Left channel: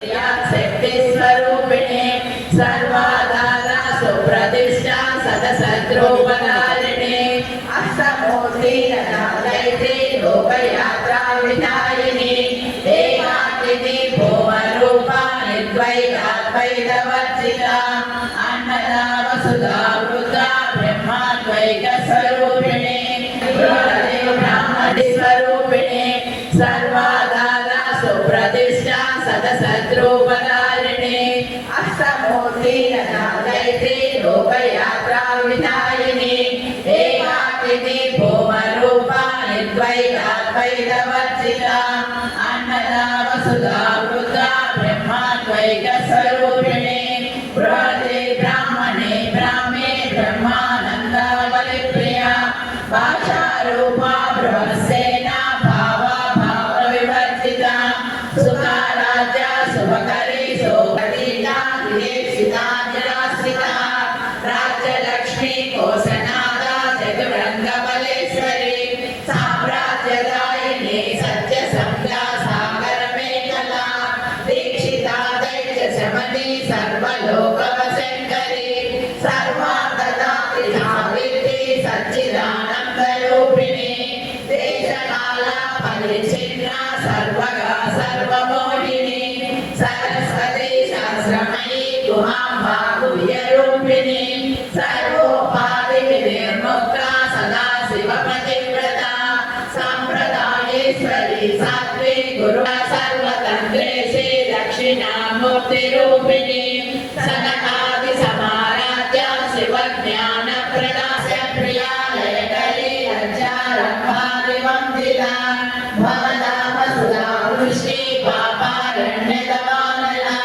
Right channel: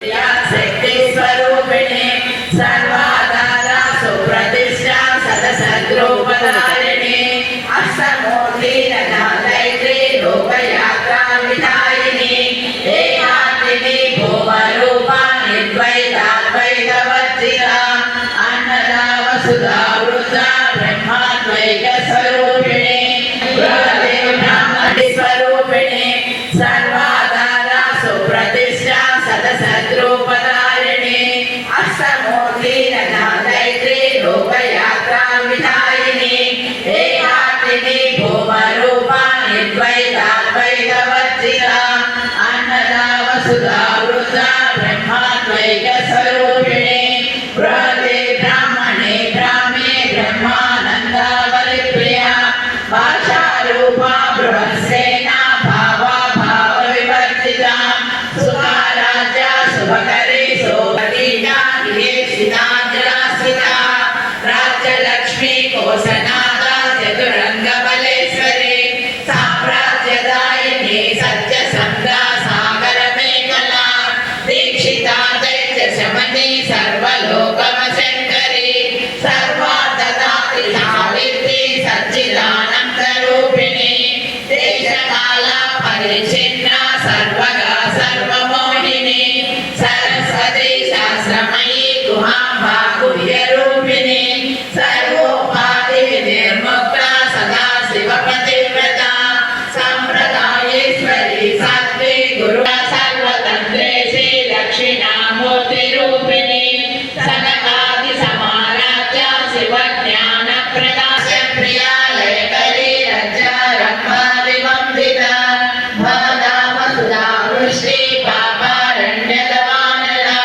शक्ति स्वरूपिणे सर्वाधारा सुप्रतिष्ठा सदसद्रूपधारिणे अष्टमूर्ति दैत्री लोकयात्रा विधायिनी एकात्मिकी भूमरूपा निर्द्वैताद्वैतवर्जिता अन्नदा वसुधा वृद्धा ब्रह्माद्वैत स्वरूपिणे ब्रह्मणि स्वरूपिणे सर्वाधारा सुप्रतिष्ठा सदसद्रूपधारिणे अष्टमूर्ति दैत्री लोकयात्रा विधायिनी एकात्मिकी भूमरूपा निर्द्वैताद्वैतवर्जिता अन्नदा वसुधा वृद्धा ब्रह्माद्वैत स्वरूपिणे बृहते ब्राह्मणे ब्राह्मे ब्रह्मानन्दा बलिप्रिया भाषारूपा बृहस्सेना भावा भावविवर्जिता सुखाराध्या शुभकरी शोभनीया निवेशिता जलासिता राज्यलक्ष्मी कोशनादा चतुरङ्गबलेश्वरी साम्राज्यदायिनी सत्यसन्धा सागरमेखला दीक्षिता दैत्यशमनी सर्वलोकवशङ्करी सर्वार्थदात्री सावित्री सच्चिदानन्दरूपिणी देशकाला परिच्छिन्ना सर्वगा सर्वमोहिनी सरस्वती शास्त्रमयी गुहाम्बा गुह्यरूपिणी सर्वोपाधिविनिर्मुक्ता सदा शिवपतिव्रता सम्प्रदायेश्वरी सात्वी गुरुः सर्वतन्त्रेशी दक्षिणामूर्तिरूपिणी सनकादिसमाराध्या शिवज्ञानप्रदा प्रिया लयकरी रज्जारम्भादिवन्दिता भादा वसुधा वृष्टि पापारण्यदवानला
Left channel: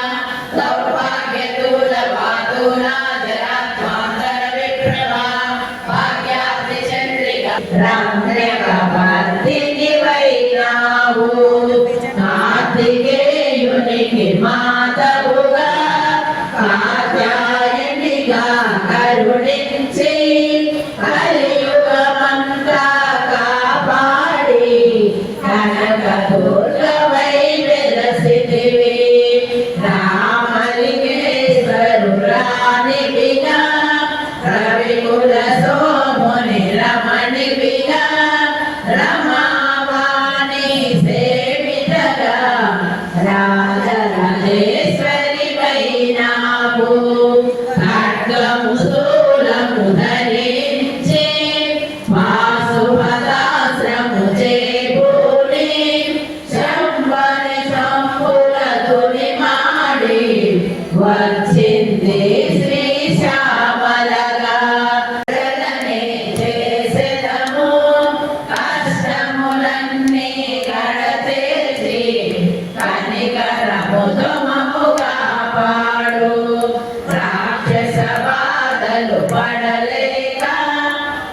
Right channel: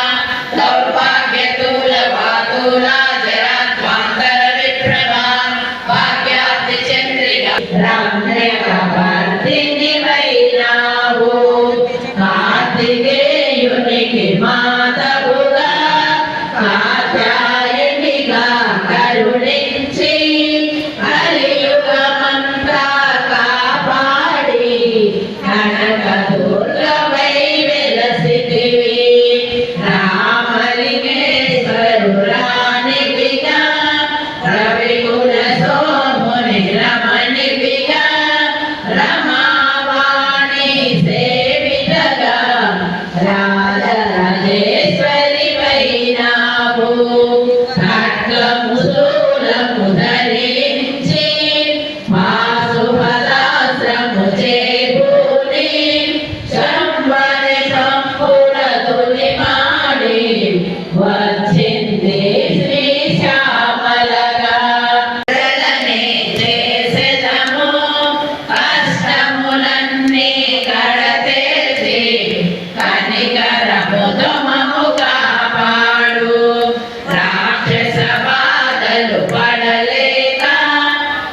दौर्भाग्यतूलवातूला जराध्वान्तरविप्रभा भाग्याब्धिचन्द्रिका रम्यकवर्तिनि वैरावो कार्तिकेयुनिकि मातपुगा कात्यायनिगा करुणिंచి కలియుగమంతా కాపాడి కనకదుర్గవై వెలసితివి రామలింగేశ్వరురానివిగా రవికుల సోముని రమణివిగా రమావాణి సేవితగా రాజరాజేశ్వరి వైనావు ఖడ్గము శూలము ధరించి మాసుపదాశ్రము చేబూని శంబని శంపురతుని మాడి వచ్చింది శ్రీ శ్యామలగా జలనే చేసెదము కష్టములన్నీ కడతేర్చి కనికరముదమము కాపాడు రాక్షస బాధలు పడలేక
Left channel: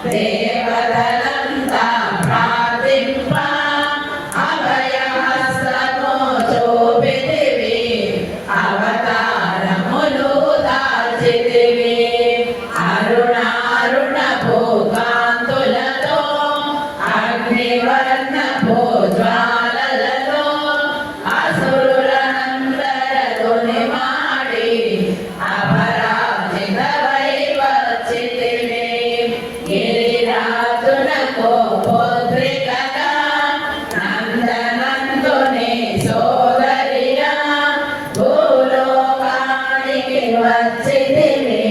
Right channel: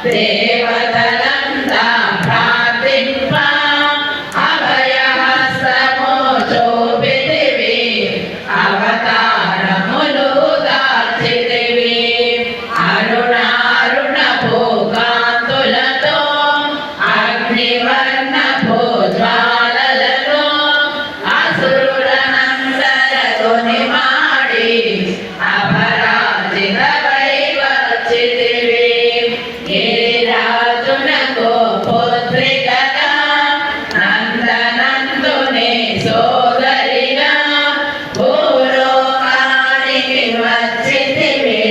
దేవతలంతా ప్రార్థింప అభయహస్తము చూపితివి అవతారములు దాల్చితివి అరుణారుణ భూకాంతులతో అగ్నివర్ణ భూజ్వాలలలో అసురులనందరతుని మాడి అపరాజిత వైవచ్చితివి గిరిరాజునకు పుత్రికగా నందనందుని సోదరిగా భూలోకానికి వచ్చితివి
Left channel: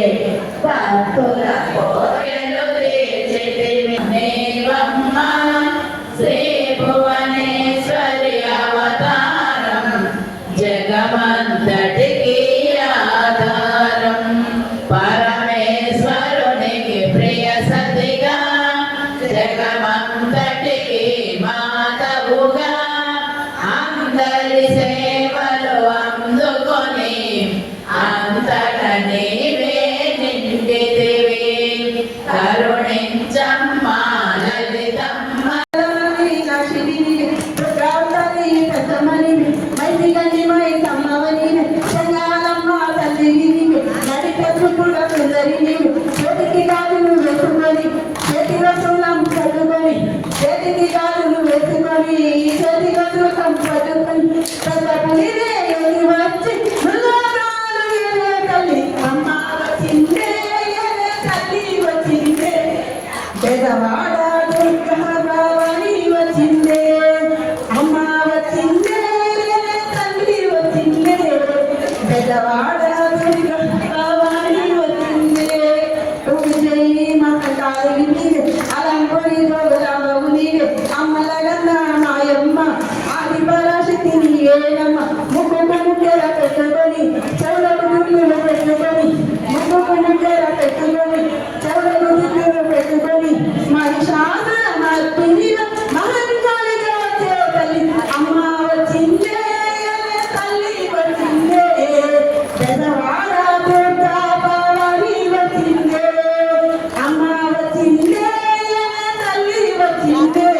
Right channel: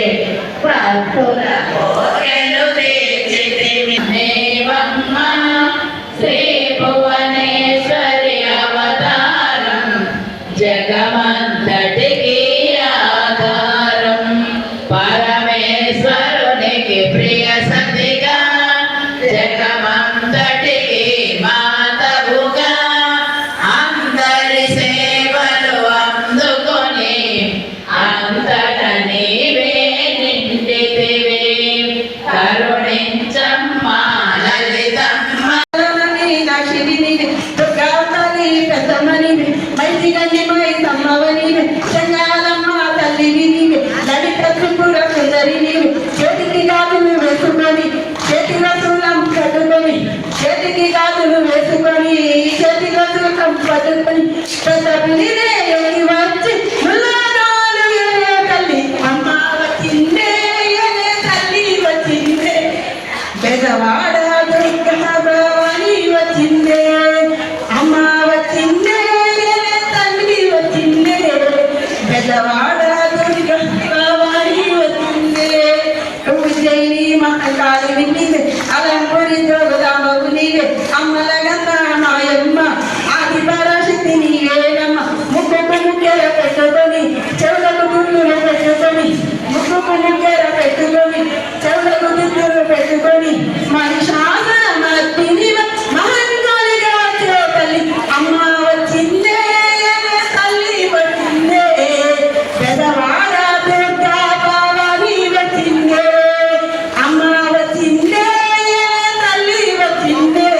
భక్తుల కోర్కెలు తీర్చితివి దేవమ్మ శ్రీ భువనేశ్వరి అవతారం జగమంతటికి ఆధారం పరమేశ్వరునికి ప్రియ సతిగా జగమంతటికి మాతవుగా అందరి సేవలు అందుకొని అంతట నీవే నిండితివి కరుణించమ్మా లలితమ్మ చేతికి గాజులు వేసుకొని చేతిలో పట్టుకొని ప్రసన్నిదే వచ్చి పెద్దవాడ దుర్గవాణి వచ్చిందే విజయని మహాకాళి నీవే అలంపరి దొరదామవు నీవే అమ్మల గన్న మాయమ్మ ఆది పరాశక్తి నీవేనమ్మ ముక్కుకు ముక్కెర పెట్టుకొని చెవులకు దుర్గులు పెట్టుకొని ముక్కుకు ముక్కెర పెట్టుకొని చెవులకు దుర్గులు పెట్టుకొని మహిషాసుర మర్దిని మహంకాళిగా వచ్చే తల్లి అమ్మ వచ్చిందే తల్లి వచ్చిందే పెదవాడ దుర్గా భవాని వచ్చిందే అమ్మ వచ్చిందే తల్లి వచ్చిందే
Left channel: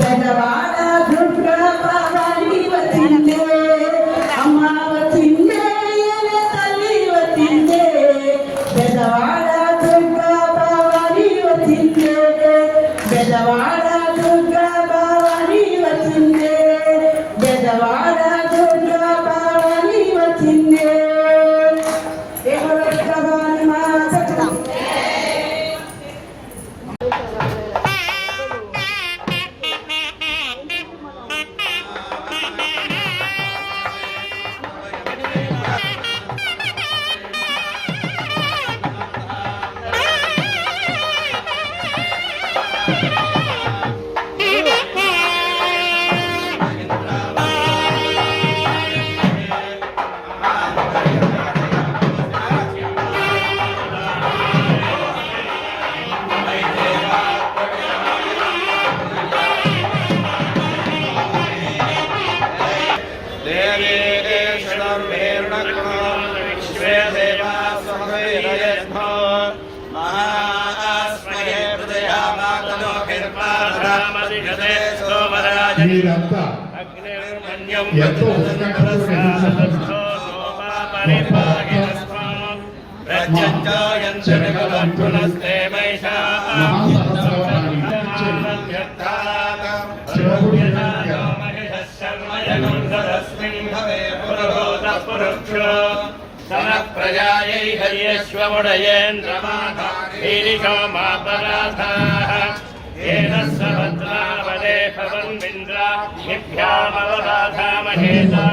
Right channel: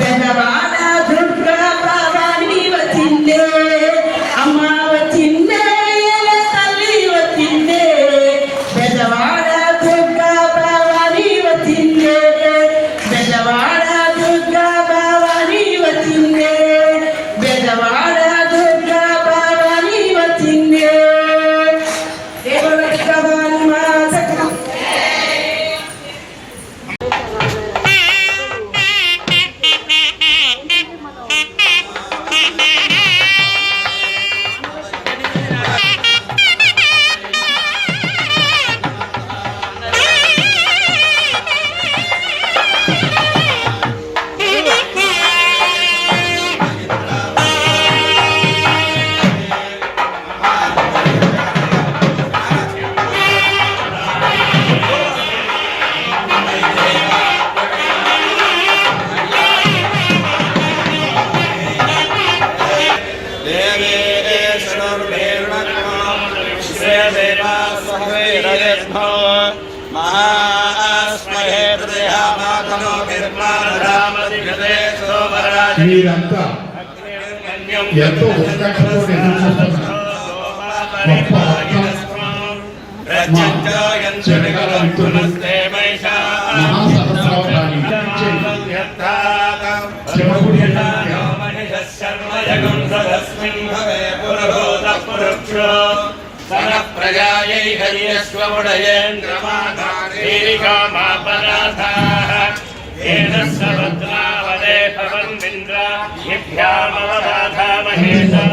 పెదవాడ దుర్గా భవాని వచ్చిందే అమ్మ వచ్చిందే తల్లి వచ్చిందే పెదవాడ దుర్గా భవాని వచ్చిందే పెదవాడ దుర్గా భవాని వచ్చిందే పెదవాడ దుర్గా భవాని వచ్చిందే దేవరక్షభాని మాతకు మీరంతా ఎంతో ఉత్కంఠతో ఎదురుచూస్తున్న గొప్ప చెరగల మిత్రులు మహాసహస్రావధాని శివగుడి ప్రజాయై హరియశ్వముడయేంద్రమాపరాధాః ఏన సవత్రావదే భవన్మింద్ర నిభ్యామవరాధామహేతా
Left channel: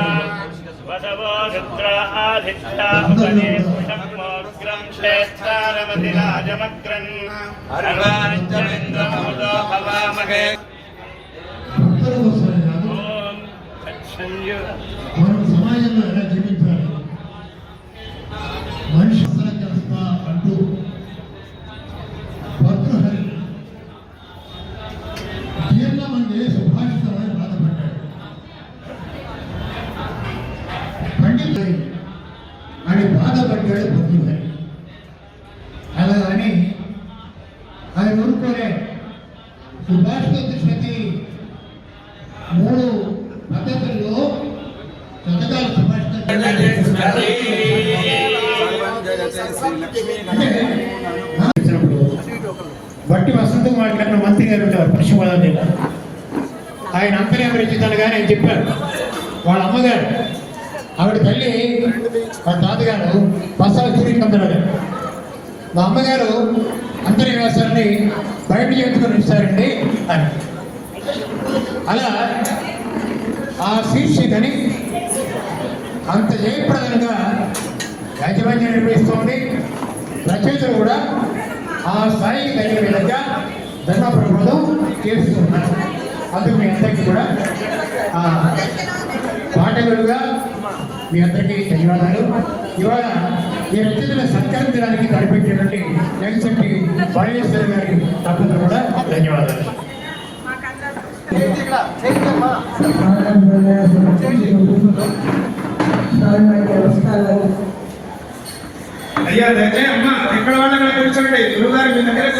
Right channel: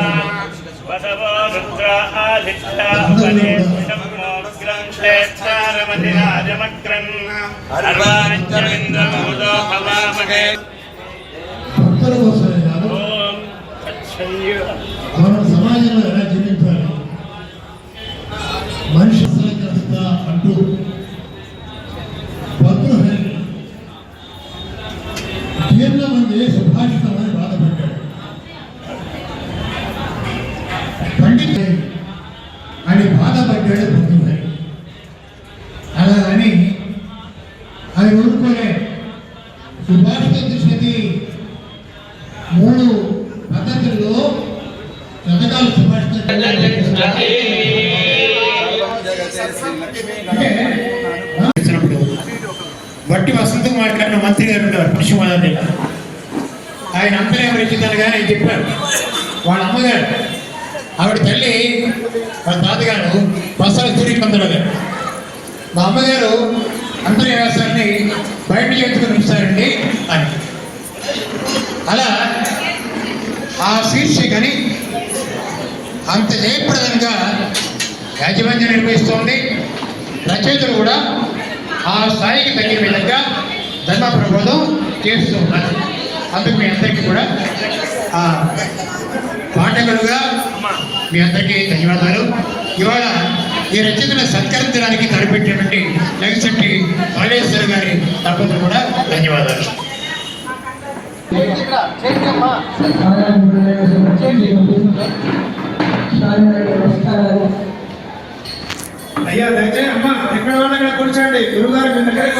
వసవో రుద్ర ఆదిత్యావదే బ్రహ్మోగ్రం శ్రేష్ఠారమతిరాజమగ్రన్ అర్వానిత్యమింద్రమముదో భవామహే భక్తుల కోసమే కాదు ఓం తత్సంయు మనం సమాజంలో ఎలా జీవించాలి మనిషి అసలగ్రస్త అంటూ భద్రహరి జీర్ణమంది సుభాషితమని బాధపడ్డాడు. పండిత అని బాధపడ్డాడు భద్రహరి. అలా అని ఆయన ఊరుకోలే. సుభాషిత దృష్టి 3 పద్ధతుల్లో శతకాలు సుభాషితం బట్టి వసంతం మాట్లాడిన మంత్రి గారు ఉన్నారు పశ్చిమ గోదావరి జిల్లా. ఆయన అంతర్యం రచించాలి కానీ ఆయన చెప్పారు వాళ్ళ అమ్మగారు ఆవిడ తల్లి వాళ్ళ తాతగారు బస్సాల సూర్యకందరావు గారు. మా అమ్మగారు అంతర్యాసాన్ని బయట చేయించుకొని ఇస్తారండి అని. అలా ఆ శీర్షికని అంత జయప్రదంగా యాజమాన్యం నిర్వహిస్తోంది. రచయితలు కూడా ఆ స్థాయికి తగిన విధంగా ధర్మ ప్రబోధం చేస్తూ ఉన్నారు. అందుకు మీ అందరికీ కూడా పాఠకులుగా మీ అందరికీ ధన్యవాదాలు. ఇవాళ ఈ రచయితను సత్కరించడానికి తలపెట్టినటువంటి లగిశెట్టి బాలేశ్వర్ గారి తప్పదు కూడా ధన్యవాదాలు. అయ్యా దయచేసి అమ్మ ఎక్కడ వాళ్ళు అక్కడ కూర్చోండి. గురుగారు మీ దగ్గరికి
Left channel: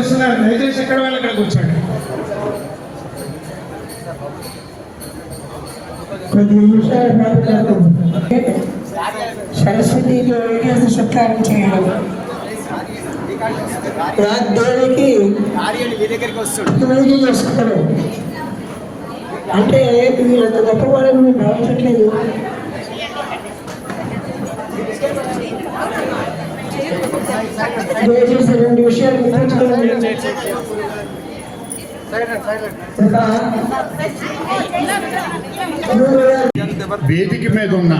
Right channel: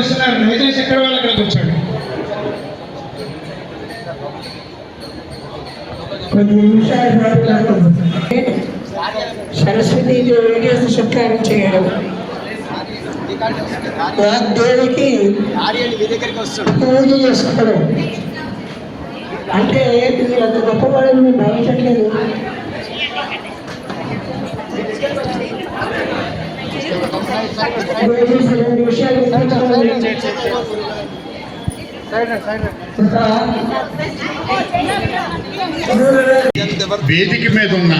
వస్తున్నారు, దయచేసి ఎక్కడ వాళ్ళు అక్కడ కూర్చోండి. కొన్ని నిమిషాలు సరస్వతి దేవికి సత్కారం చేయడం, దేవికి పూజ చేసుకోవడం అంటే మీరు అంత గొప్ప వాళ్ళని మీరు భావించట్లేదు. దయచేసి 2 విషయాలు గుర్తుంచుకోవాలి. వేదిక మీద ఉన్న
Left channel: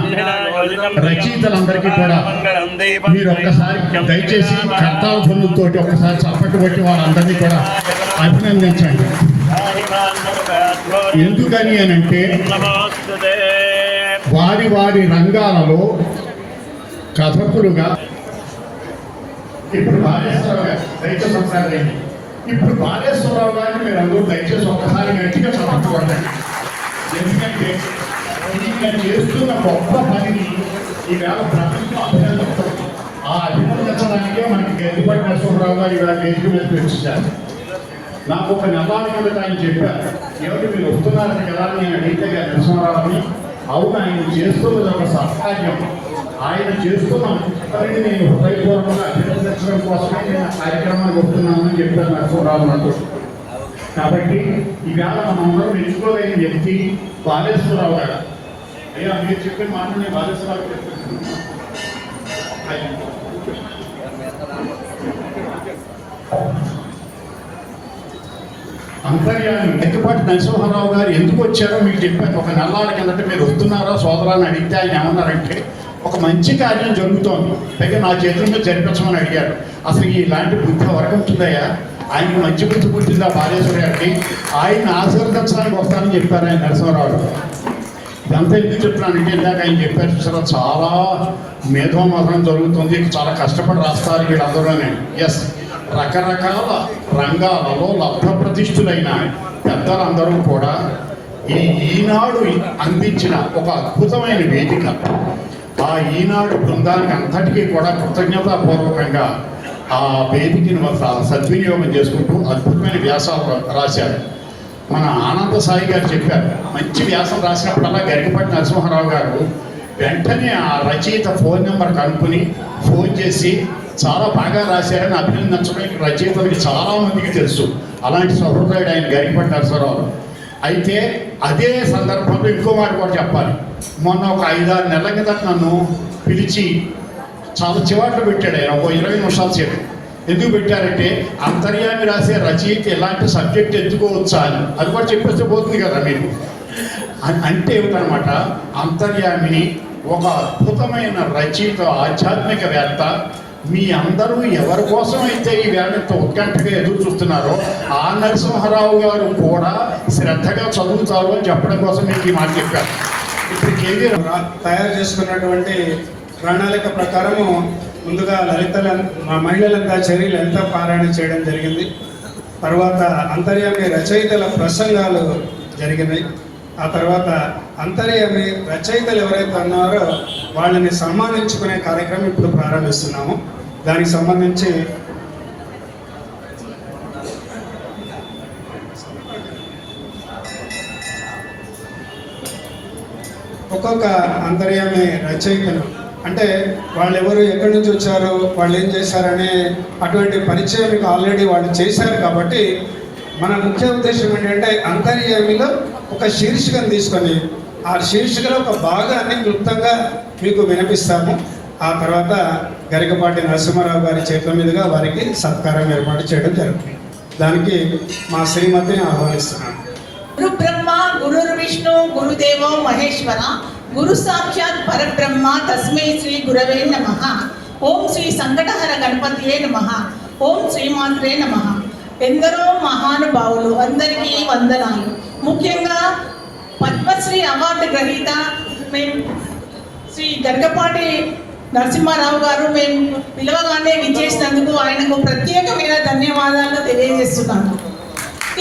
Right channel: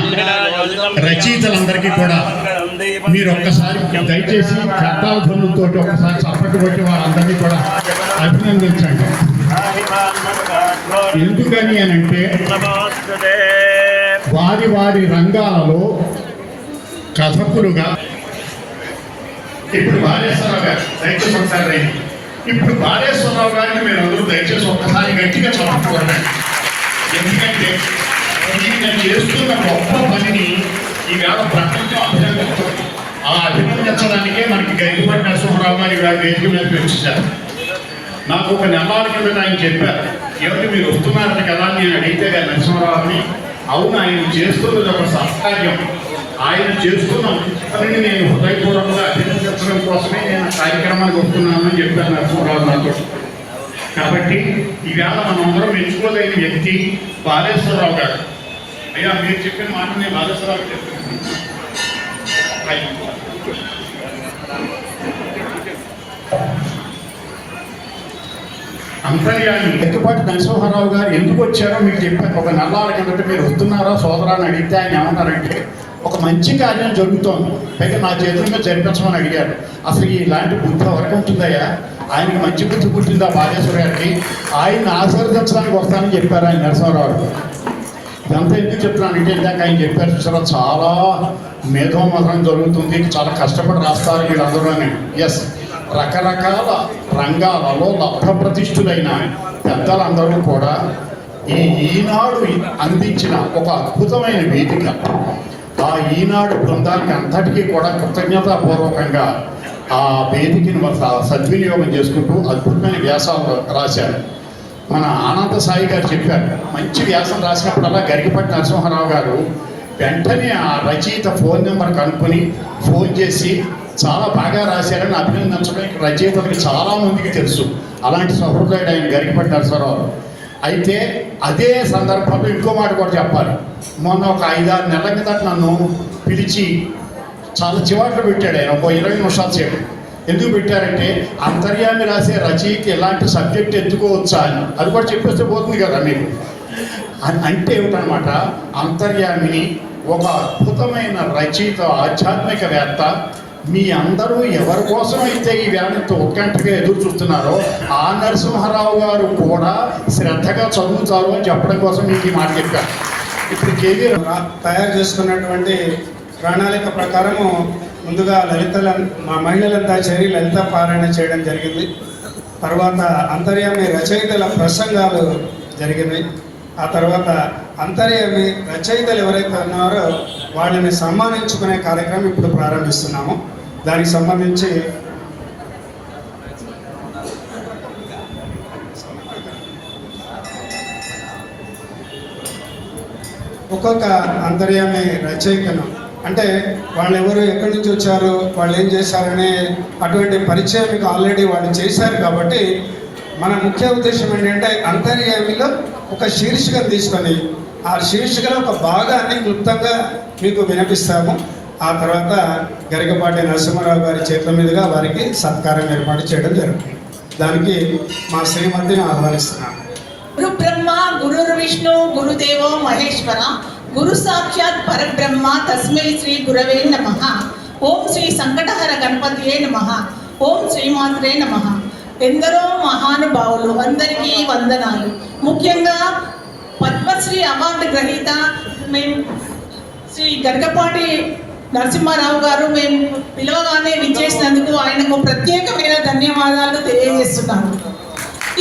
రచయితలందరికీ కూడా మీరు ఒక్కసారి దయచేసి కర్తాల ధ్వనులతోటి ఒక్కసారి చప్పట్లు కొట్టి వారందరినీ కూడా అభినందించండి. ఎందుకని అంటే వారి వారి రంగాలలో కథకులుగా ఇప్పుడు బాలేశ్వరరావు గారు దయచేసి ఒకసారి రండి. ఇప్పుడు బాలేశ్వరరావు గారిని మీరు అందరూ దయచేసి ఒక్కసారి గట్టిగా చదువుకోండి. ఎందుకంటే ఈయన చేస్తున్న గొప్ప పనిని ఈవేళ ప్రపంచం అభినందిస్తుంది. ఆ అభినందించడానికే మనకి గైడిపట్టి నరసింహరావు గారు ఈవేళ వేదిక మీద పెంచారు. నాకు ఒక నెలల కిందట ఆయన చెప్పారు, ఏమిటి మీరు వస్తున్నారని కదా నేను అడిగితే గారు నరసింహరావుని, అవును ఆయన చేస్తున్నది ఒక సత్కార్యం, ఆయన చేస్తున్న పనిని నేను హృదయపూర్వకంగా అభినందించడం కోసమే నేను ఆ కార్యక్రమానికి వస్తున్నానని చెప్పారు నరసింహరావు నాతో. కాబట్టి ఈవేళ మనందరం మెచ్చుకోలేని వ్యక్తి బాలేశ్వరరావు గారు. అయ్యా మీరు చెప్పిన మాట నేను బాలేశ్వరరావు చెప్పాను. అంతర్యాన్ని ఎత్తుపాటి నరసింహారావు గారు ఎందుకు వచ్చారో మీకు చెప్పాను. ఒక నెలల కిందట మీరు వస్తున్నారా సోదరాన్ని అడిగితే ఆయన ఏమన్నారంటే ఒక మంచి కార్యం జరుగుతోంది, పైగా నా చేతుల మీద జరిపించమని అడిగారు. అసలు ఇలాంటి బుద్ధి ఎవరికి ఉంటుందయ్యా, ఆయనకి మంచి బుద్ధి పుట్టిందా బాలేశ్వర గారికి, ఆయన ఆశీర్వదించడానికి వస్తానని చెప్పారు ఆయన నరసింహారావు. ఇదంతా ఎందుకు చెప్తున్నానంటే ఇందాక ఆయన చెప్పారు చాలా చాలా మేధోమథనం జరుగుతుంది, చాలా కష్టపడి రాస్తారు వీళ్ళందరూనే. ఎస్, రకరకాల రంగాలలో లబ్ధప్రతిష్ఠులైన పెద్దలందరూ కూడా ఈనాడు అందించిన ఒక అద్భుతమైన వేదిక. ఆ ఈనాడు బృందానికి అంతటికీ కూడా కృతజ్ఞతాపూర్వకంగా ఆ వేదికని సద్వినియోగం చేసుకుంటూ అద్భుతమైన వ్యాసాలు రాశారు. మన ఆనంద సాయి గారు చెప్పారు, మంచి వ్యాసం రాసినప్పుడల్లా గరికపాటి నరసింహారావు గారు వెంటనే ఆ రచయిత ఫోన్ నెంబర్ కనుక్కొని ఫోన్ చేసి చాలా బాగా రాశారని అభినందించడానికి రచయితలకి చాలా మందికి తెలుసు. అలాంటి సహృదయుడు ఆయన గరికపాటి నరసింహారావు. అయితే అదే సందర్భంలో ఇంకో మాట కూడా చెప్పాలి. మొన్న ఒక 5-6 నెలల కిందట నన్ను పిలిచి చాలా చివాట్లు పెట్టాడు ఆయన, ఒక 20 నిమిషాలు సేపు. ఎందుకు పెట్టారంటే అంతర్యామి రాసే రచయిత ఎలాంటి సబ్జెక్ట్ ఎత్తుకోవచ్చా అని. అది కూడా చెప్పేస్తే పోతుంది కదా మీరు. అంటే ఏమిటనమాట, అంతర్యామిని ఒక అద్భుతమైన రచయిత, ఆధ్యాత్మికవేత్త. మీ అందరూ ఎవరి కోసమైతే ఈ వేళతో ఉత్కంఠగా ఎదురు చూస్తున్నారో ఆ నరసింహారావు గారు కూడా శ్రద్ధగా చదువుతారు అని చెప్పడం కోసం మీకు ఈ మాట చెప్పారు. ఇప్పుడు కేవీ తయారు చేసుకున్నటువంటి ప్రణాళిక ప్రకారము ముందుగా మహిళలంతా చేరి లలిత పారాయణ చేయడం జరిగింది. తర్వాత అంతర్యామి రచయితల ప్రసంగాలు జరిగినాయి. ఆ తర్వాత అంతర్యామి రచయితలు ఎవరైతే ఉన్నారో వాళ్ళని సన్మానించుకునే కార్యక్రమం ఇప్పుడు ప్రారంభిస్తున్నాము. దానికి సంబంధించి ఒక్కొక్క అంతర్యామి రచయితలు అంటే వాళ్ళు ఎవరు, ఎక్కడి నుంచి వచ్చారు, వాళ్ళు ఏం చేశారనే అటువంటి పరిచయం మీకు ఆల్రెడీ వాళ్ళు చేశారు. కాబట్టి మన ముఖ్య ఉద్దేశం ఏంటంటే అంతర్యామిలో ఒక శీర్షికను తీసుకొని ఆ శీర్షికలో ఒక భాగాన్ని క్లుప్తంగా మీకు వినిపిస్తాము. ఆ తర్వాత గరికపాటి నరసింహారావు గారి చేతుల మీదుగా వారికి సత్కారం ఏర్పాటు చేయడం జరుగుతుంది. దానికి మా శ్రీమతిని ఆహ్వానిస్తున్నాను. గురు బ్రహ్మ గురుర్ విష్ణు గురుదేవో మహేశ్వర గురు సాక్షాత్ పరబ్రహ్మ తస్మై శ్రీ గురవే నమః. ఓం శ్రీ సంకటహర గణపతియే నమః. ఓం శ్రీమాత్రే నమః. ఎందరో మహానుభావులు అందరికీ వందనాలు. ముఖ్యంగా పద్మశ్రీ అవార్డు గ్రహీత మేము శ్రీ గరికపాటి నరసింహారావు గారు మేము పిలవగానే విచ్చేసినందుకు ఆయనకు ప్రత్యేకమైన ధన్యవాదాలు తెలియజేస్తున్నాను.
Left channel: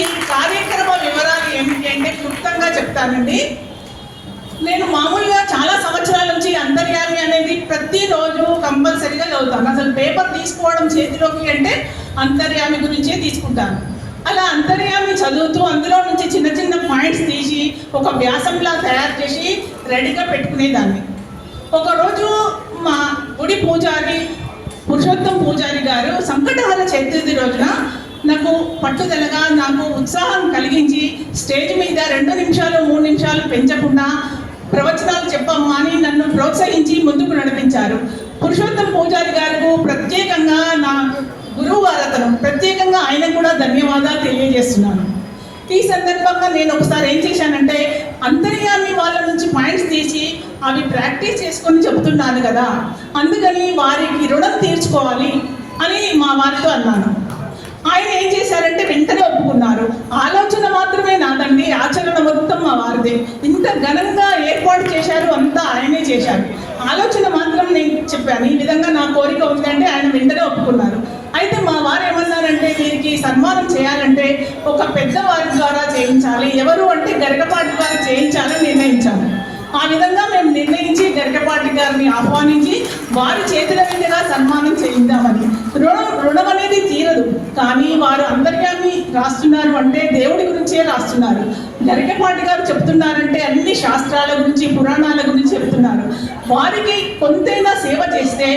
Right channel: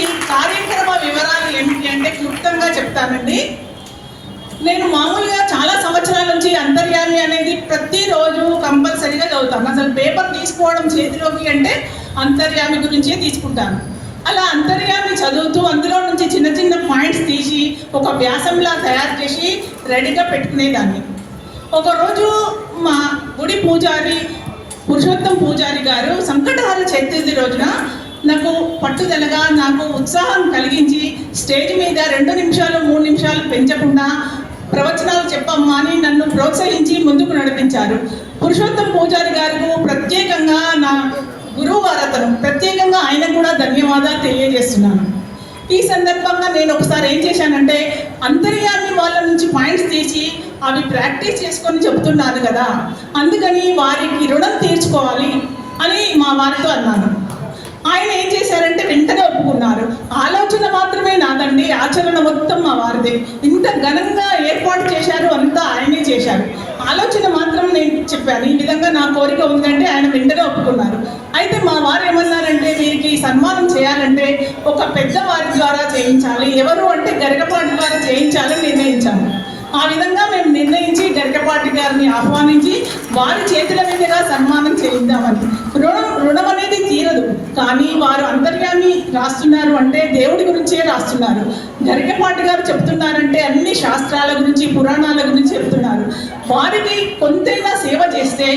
ఈ కార్యక్రమ వివరాలు ఏమిటి అంటే క్లుప్తంగా చెప్తానండి. నేను మామూలుగా చాలా సంవత్సరాల నుంచి అంతర్యామి అనేది ప్రతిరోజు కంపల్సరీగా చదువుతాను. అసలు పేపర్ తీసుకోవడం చేతిలోకి అంటే అంతర్యామి గురించే తీసుకుంటాను. అలా అంతర్యామి చదువుతూ అందులో నుంచి చిన్న చిన్న పాయింట్స్ తీసి ఒక వ్యాసంలా తయారు చేసి రెడీగా పెట్టుకునేదాన్ని. ఒకరోజు మా గుడి పూజారి పురుషోత్తం పూజారి గారు సంకటహర చతుర్థి రోజున నాకు పట్టుదలగా నాకు ఉత్సాహం కలిగించి స్టేజ్ మీద 2 నిమిషాలు 3 నిమిషాలు పెంచకుండా ప్రవచనాలు చెప్పమ్మా అని నన్ను ప్రోత్సహించి ముందుకు నడిపించారు. పురుషోత్తం పూజారి గారికి ప్రత్యేకంగా నా గురువు గారు ప్రత్యేకంగా ఆయన కూడా ధన్యవాదాలు తెలియజేస్తున్నాను. ఈ సందర్భంగా నేను ఒకసారి ఏం చేశానంటే అంతర్యామి వాళ్ళ అవి ప్రాక్టీస్ చేసుకొని చెబుతున్నాను కదా, అందుకని వారికి రుణం తీర్చుకోవాలి అని మా వారితో అన్నాను. ఆయన ఏం చేశారంటే వెంటనే ఒప్పుకున్నారు. ఆలోచన మాత్రమే నాదండి, ఆచరణ మొత్తం మా వారిదే. ఇంత ఘనంగా ఏర్పాటు చేశారు, అంతా ఆయనే చేశారు. ఆలోచన మాత్రం నేను చెప్పాను, ఈ విధంగా నా కోరిక ఉందంటే ఆయన వెంటనే ఒప్పుకున్నారు. అయితే మా వారు ఏమన్నారంటే, వీరికి సన్మానం చేయాలంటే ఒక పెద్దవారి ద్వారా చేయించాలి, ఎవరు అంటే గరికపాటి గారు చేయించాలని నిర్ణయించాము. ఆ విధంగా మేము నిర్ణయించి గరికపాటి గారిని ఆహ్వానించి వారి చేతుల మీదుగా సన్మానం చేయిద్దామని. రుణం అనేది తీరదు, కానీ వారు అంతర్యామి రాస్తున్నారు అంటే దేవుడి గురించే రాస్తున్నారు. గరికపాటి గారు చెప్తున్నారంటే అన్ని శాస్త్రాల గురించి, పురాణాల గురించి చెప్తున్నారు. వారికి కొంతైనా సేవ చేస్తే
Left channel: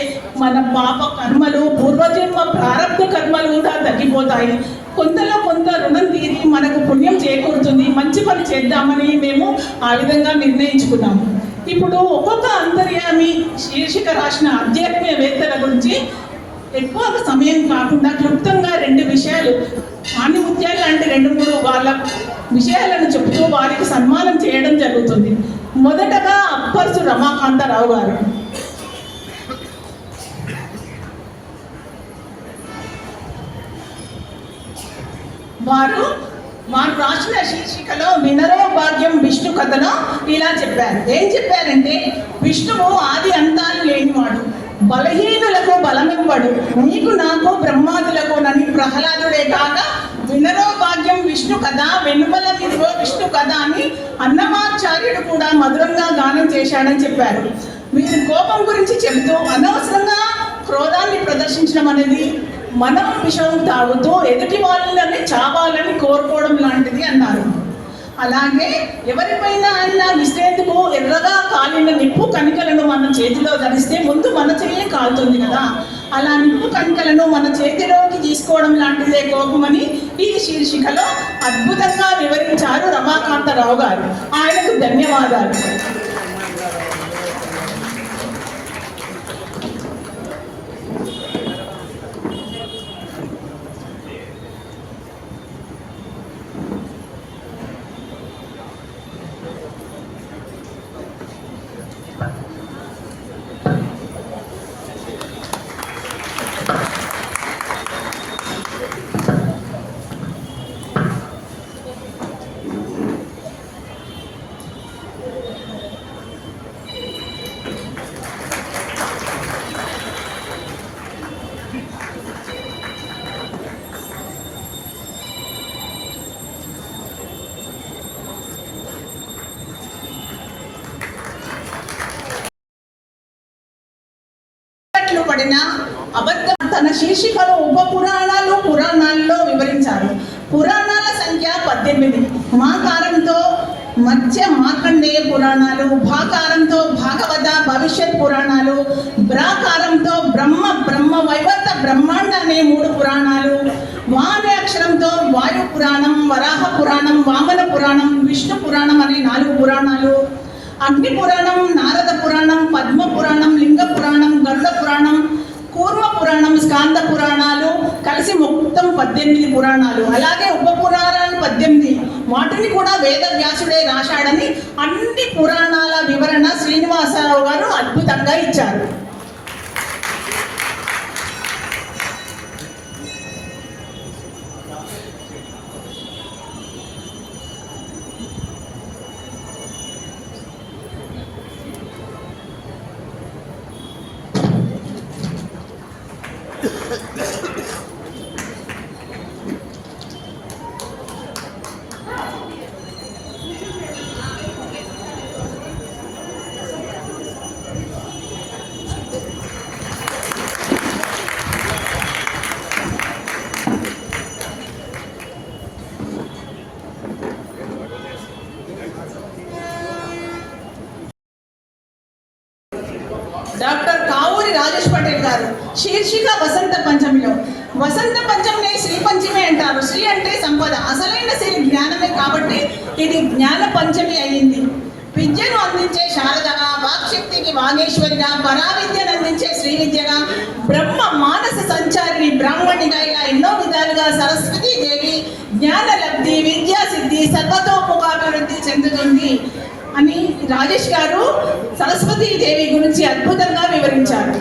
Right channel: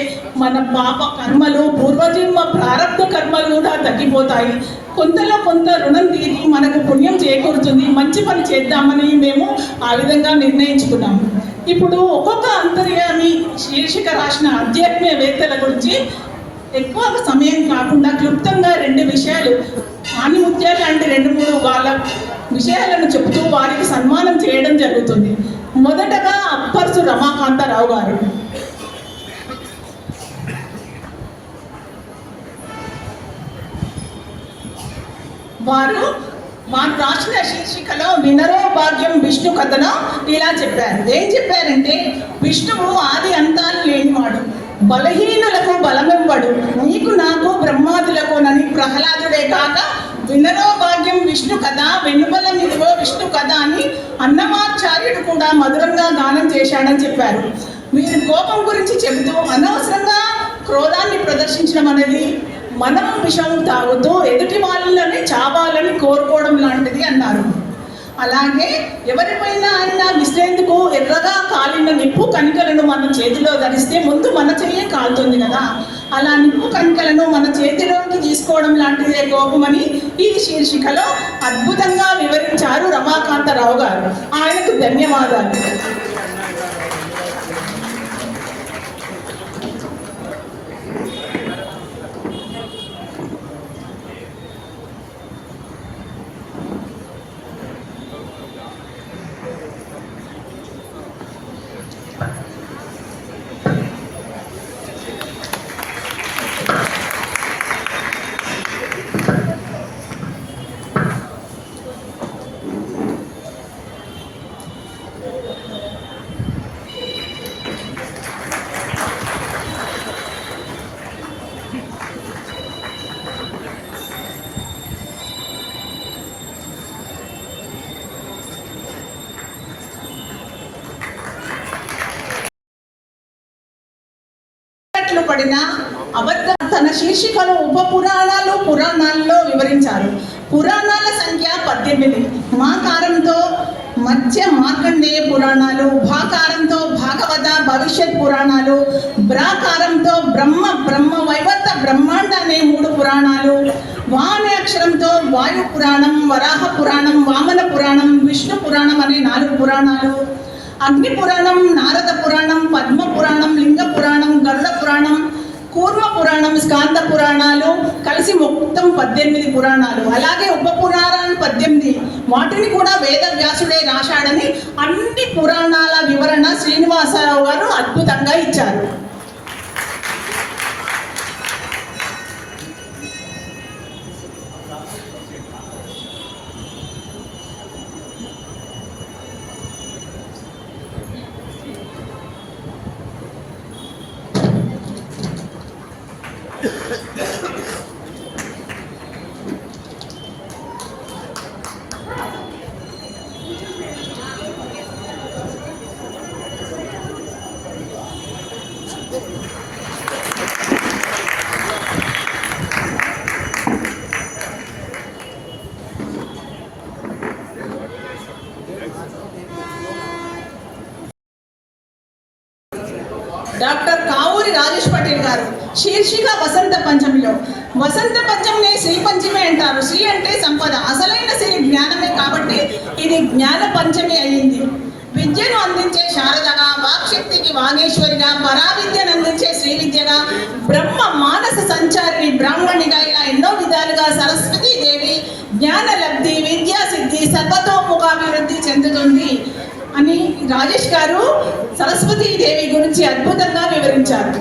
మన పాప కర్మలు, పూర్వజన్మ ప్రారంభ కర్మలు కూడా తగ్గిపోతాయి. కొంతలో కొంత రుణం తీరి మనకు పుణ్యం చేకూరుతుంది. మంచి పని చేద్దామని మేము ఆ విధంగా నిర్ణయించుకున్నాము. ఇప్పుడు ఒక్కొక్క అంతర్యామి శీర్షిక రాసిన ఆధ్యాత్మికవేత్తల గురించి ఎక్కువ సమయం కాకుండా క్లుప్తంగా 2 విషయాలు, ఆణిముత్యాలు లాంటి 2-3 వాళ్ళ విషయాలను చెబుతూ వారికి సన్మానం చేయడం జరుగుతుంది. మొదటగా అప్పర్సు రమాకాంతరావు గారు. వారు రాసిన శీర్షికలో వినరో భాగ్యం విష్ణు కథలో ఇలా చెప్పారు. ఏం చెప్పారంటే, విష్ణువు ఆది అంతాలు లేనివాడు, బలహీనులకు బలమివ్వడు, నీకు నాకు బ్రహ్మాదులకు నని ప్రహ్లాదుడే కాక వినరో భాగ్యం విష్ణు కథ, వెనుమల నిధివో విష్ణు కథ అని అన్నమాచార్యుడు కూడా మధురంగా గానం చేశాడని చెప్పారు. వీరి కోపం గురించి చెబుతూ, అనవసరంగా క్రోధాన్ని ప్రదర్శించడం అనేది మనం విషం తాగుతూ ఎదుటి వాళ్ళని చావాలని కోరుకోవడం లాంటిది అన్నారు. అలాగే ఎవరిపైనా అన్న విసిరేందుకు ఎర్రగా కాలిన నిప్పు కణికలను మన చేతిలో ధరిస్తే ముందు మన చెయ్యి కాలుతుంది కదా, అలా నిప్పు కణికలను మన చేతిలోకి తీసుకోవడం లాంటిదే కోపమని ఈ శీర్షికలో అద్భుతంగా వివరించారు రమాకాంతరావు గారు. ఆయనకు ధన్యవాదాలు. పడిన అబద్ధం తన శీర్షికలు ఉప పురాణాల్లో వివరించారు. పురాణాల సంఖ్య 18. మాకారంతో మధ్య మార్కండేయ పురాణాలు, భాకారంతో భాగవత భవిష్యత్ పురాణాలు, బ్రాకారంతో బ్రహ్మ వైవర్త బ్రహ్మాండ అనే 3 పురాణాలు, వా అనే అక్షరంతో వాయు పురాణం, వరాహ పురాణం, వామన పురాణం, విష్ణు పురాణం అనే 4 పురాణాలు, అగ్ని పురాణం, నారద పురాణం, పద్మ పురాణం, లింగ పురాణం, గరుడ పురాణం, కూర్మ పురాణం, స్కాంద పురాణాలు కలిసి మొత్తం 18 పురాణాలు. అలాగే ఉప పురాణాలు 18, వాటిని కూడా వేద వ్యాసుడే రాశాడని అన్ని పురాణాల వివరణ శ్రీనివాసరావు గారు అద్భుతంగా ఇచ్చారు. డాక్టర్ కావూరి రాజేష్ పటేల్ గారు. శీర్షిక వసంత పంచమిలో. వసంత పంచమిని శ్రీ పంచమి అంటారు. శ్రీ అంటే సంపద, అసలైన శ్రీ జ్ఞానమే కాబట్టి ఇది జ్ఞాన పంచమి అయ్యింది. విద్యను అందించే శారదగా, వాక్శక్తికి వాగేశ్వరిగా, పరావిద్యను అందించే శ్రీ విద్యగా, బ్రహ్మ మానస సంచారిని బ్రాహ్మణిగా, ఇలా ఎన్నో విధాలుగా సరస్వతీ దేవి జ్ఞాన లబ్ధి, విద్యా సిద్ధి, సర్వతోముఖాభివృద్ధి చెందుతుంది అని రాజేష్ గారు సరస్వతీ దేవి గురించి అద్భుతంగా వివరించారు.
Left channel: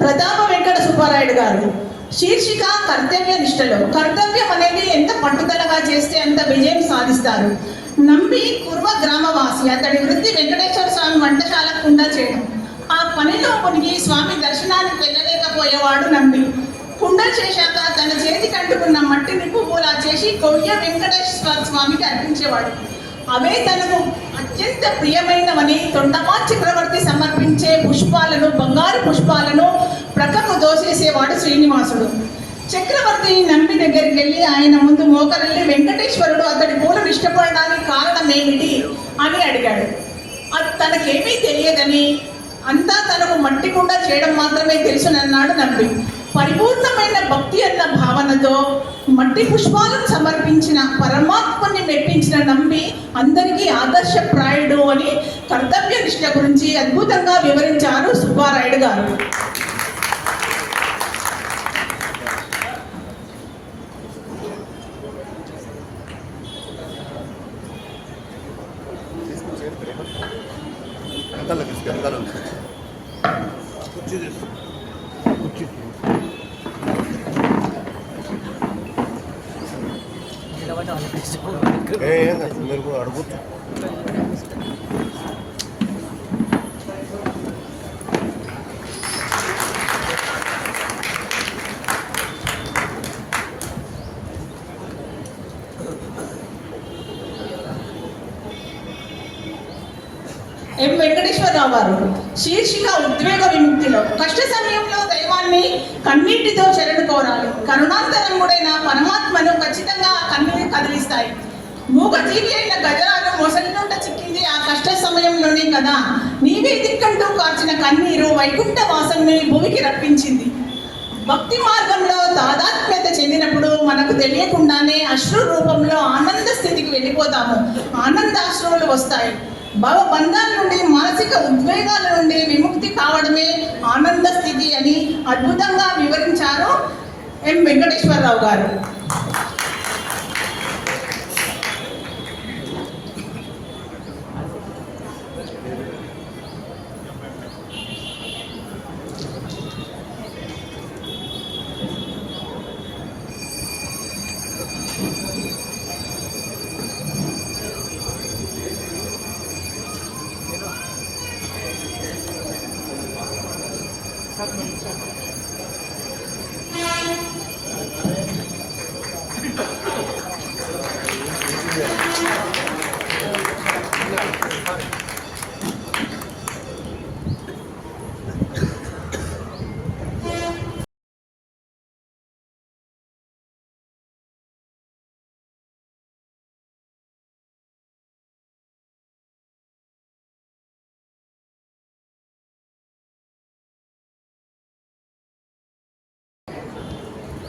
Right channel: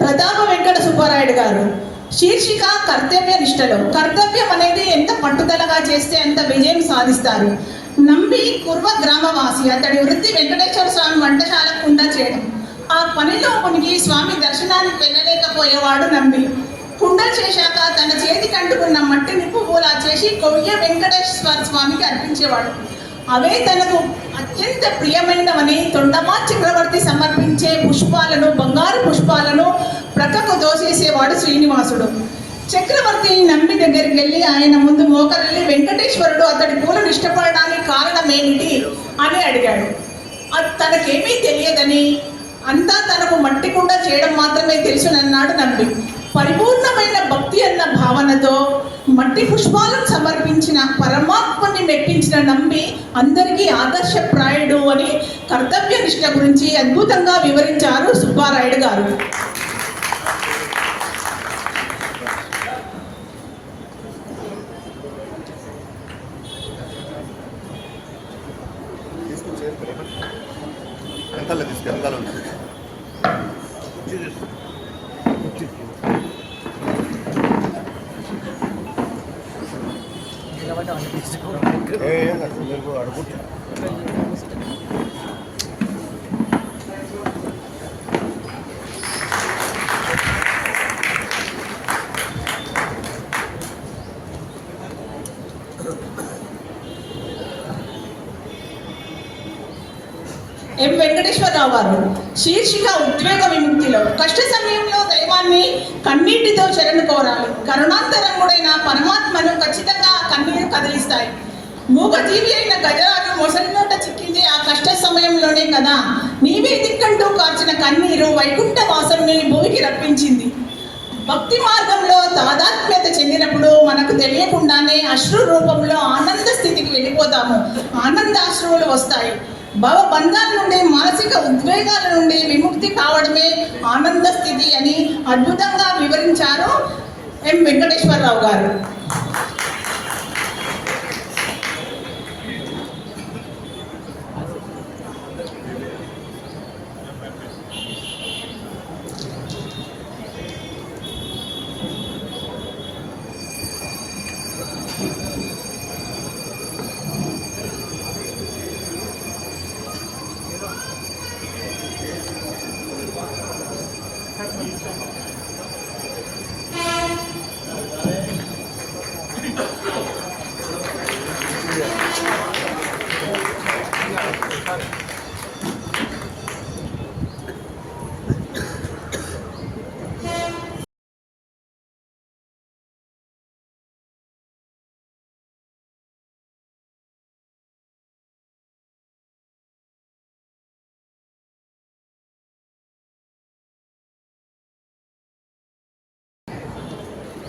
ప్రతాప వెంకట సుబ్బారాయుడు గారు శీర్షిక కర్తవ్య నిష్టలో. కర్తవ్యం అనేది ఎంత పట్టుదలగా చేస్తే అంత విజయం సాధిస్తారు. నంబి కుర్మ గ్రామవాసి. అతడి వృత్తి వెంకటేశ్వర స్వామి వంటశాల కుండ చేయడం. ఆ పనిలో మునిగి స్వామి దర్శనానికి వెళ్ళలేకపోయేవాడు నంబి. కుండ చేశాక తన చేతికి అంటుకున్న మట్టిని పువ్వులా చేసి కొయ్య వెంకటేశ్వర స్వామికి అర్పించేవాడు. అవే తనకు అత్యంత ప్రియమైనవని తొండమా చక్రవర్తి సమర్పించే పుష్పాలను, బంగారు పుష్పాలను ప్రక్కకు దోసేసేవాడు శ్రీనివాసుడు. చక్రవర్తి నంబి దగ్గరికి వెళ్ళి ఆయన ముందు మోకరిల్లి వెంకటేశ్వరుడు అతడి పూలను ఇష్టపడడానికి కారణం ఏమిటి అని అడిగాడు. తనకేమీ తెలియదని, అంతా తనకు మట్టి కుండ చేయడం మాత్రమే తెలుసునన్నాడు నంబి. పరిపూర్ణమైన భక్తి అన్న భావనతో మట్టి పుష్పాలను సమర్పించిన పరమాత్మని మెప్పించిన నంబి అందరికీ ఆదర్శప్రాయుడు అని కర్తవ్య నిష్ట గురించి అద్భుతంగా వివరించారు సుబ్బారాయుడు గారు. ఎం వెంకటేశ్వరరావు గారు శీర్షిక ఉద్వేగ విముక్తిలో. కష్ట సమయంలో దైవాన్ని కన్నీటితో శరణు కోరాలి. కరుణాంతరంగుడైన పరమాత్మను ఖచ్చితంగా కన్నీరు కదిలిస్తాయి. మూగజీవి అయిన గజరాలు మొసలి నోట చిక్కింది ఆ కష్ట సమయంలోనే కదా. నీవే దిక్కంటూ కార్చిన కన్నీరు వైకుంఠ వాసంని భూమికి రప్పించింది. భక్తి మార్గంలో తాదాత్మ్యత చెందినప్పుడు మనకు తెలియకుండానే అశ్రు రూపంలో ఆనంద స్థితికి వెళ్ళిపోతాము. ఆనందాశ్రువులు వస్తాయి. భవబంధాల నుండి, మానసిక ఉద్వేగాల నుండి విముక్తి కావడమే ఆనంద స్థితి అని అద్భుతంగా వివరించారు ఎం వెంకటేశ్వరరావు గారు.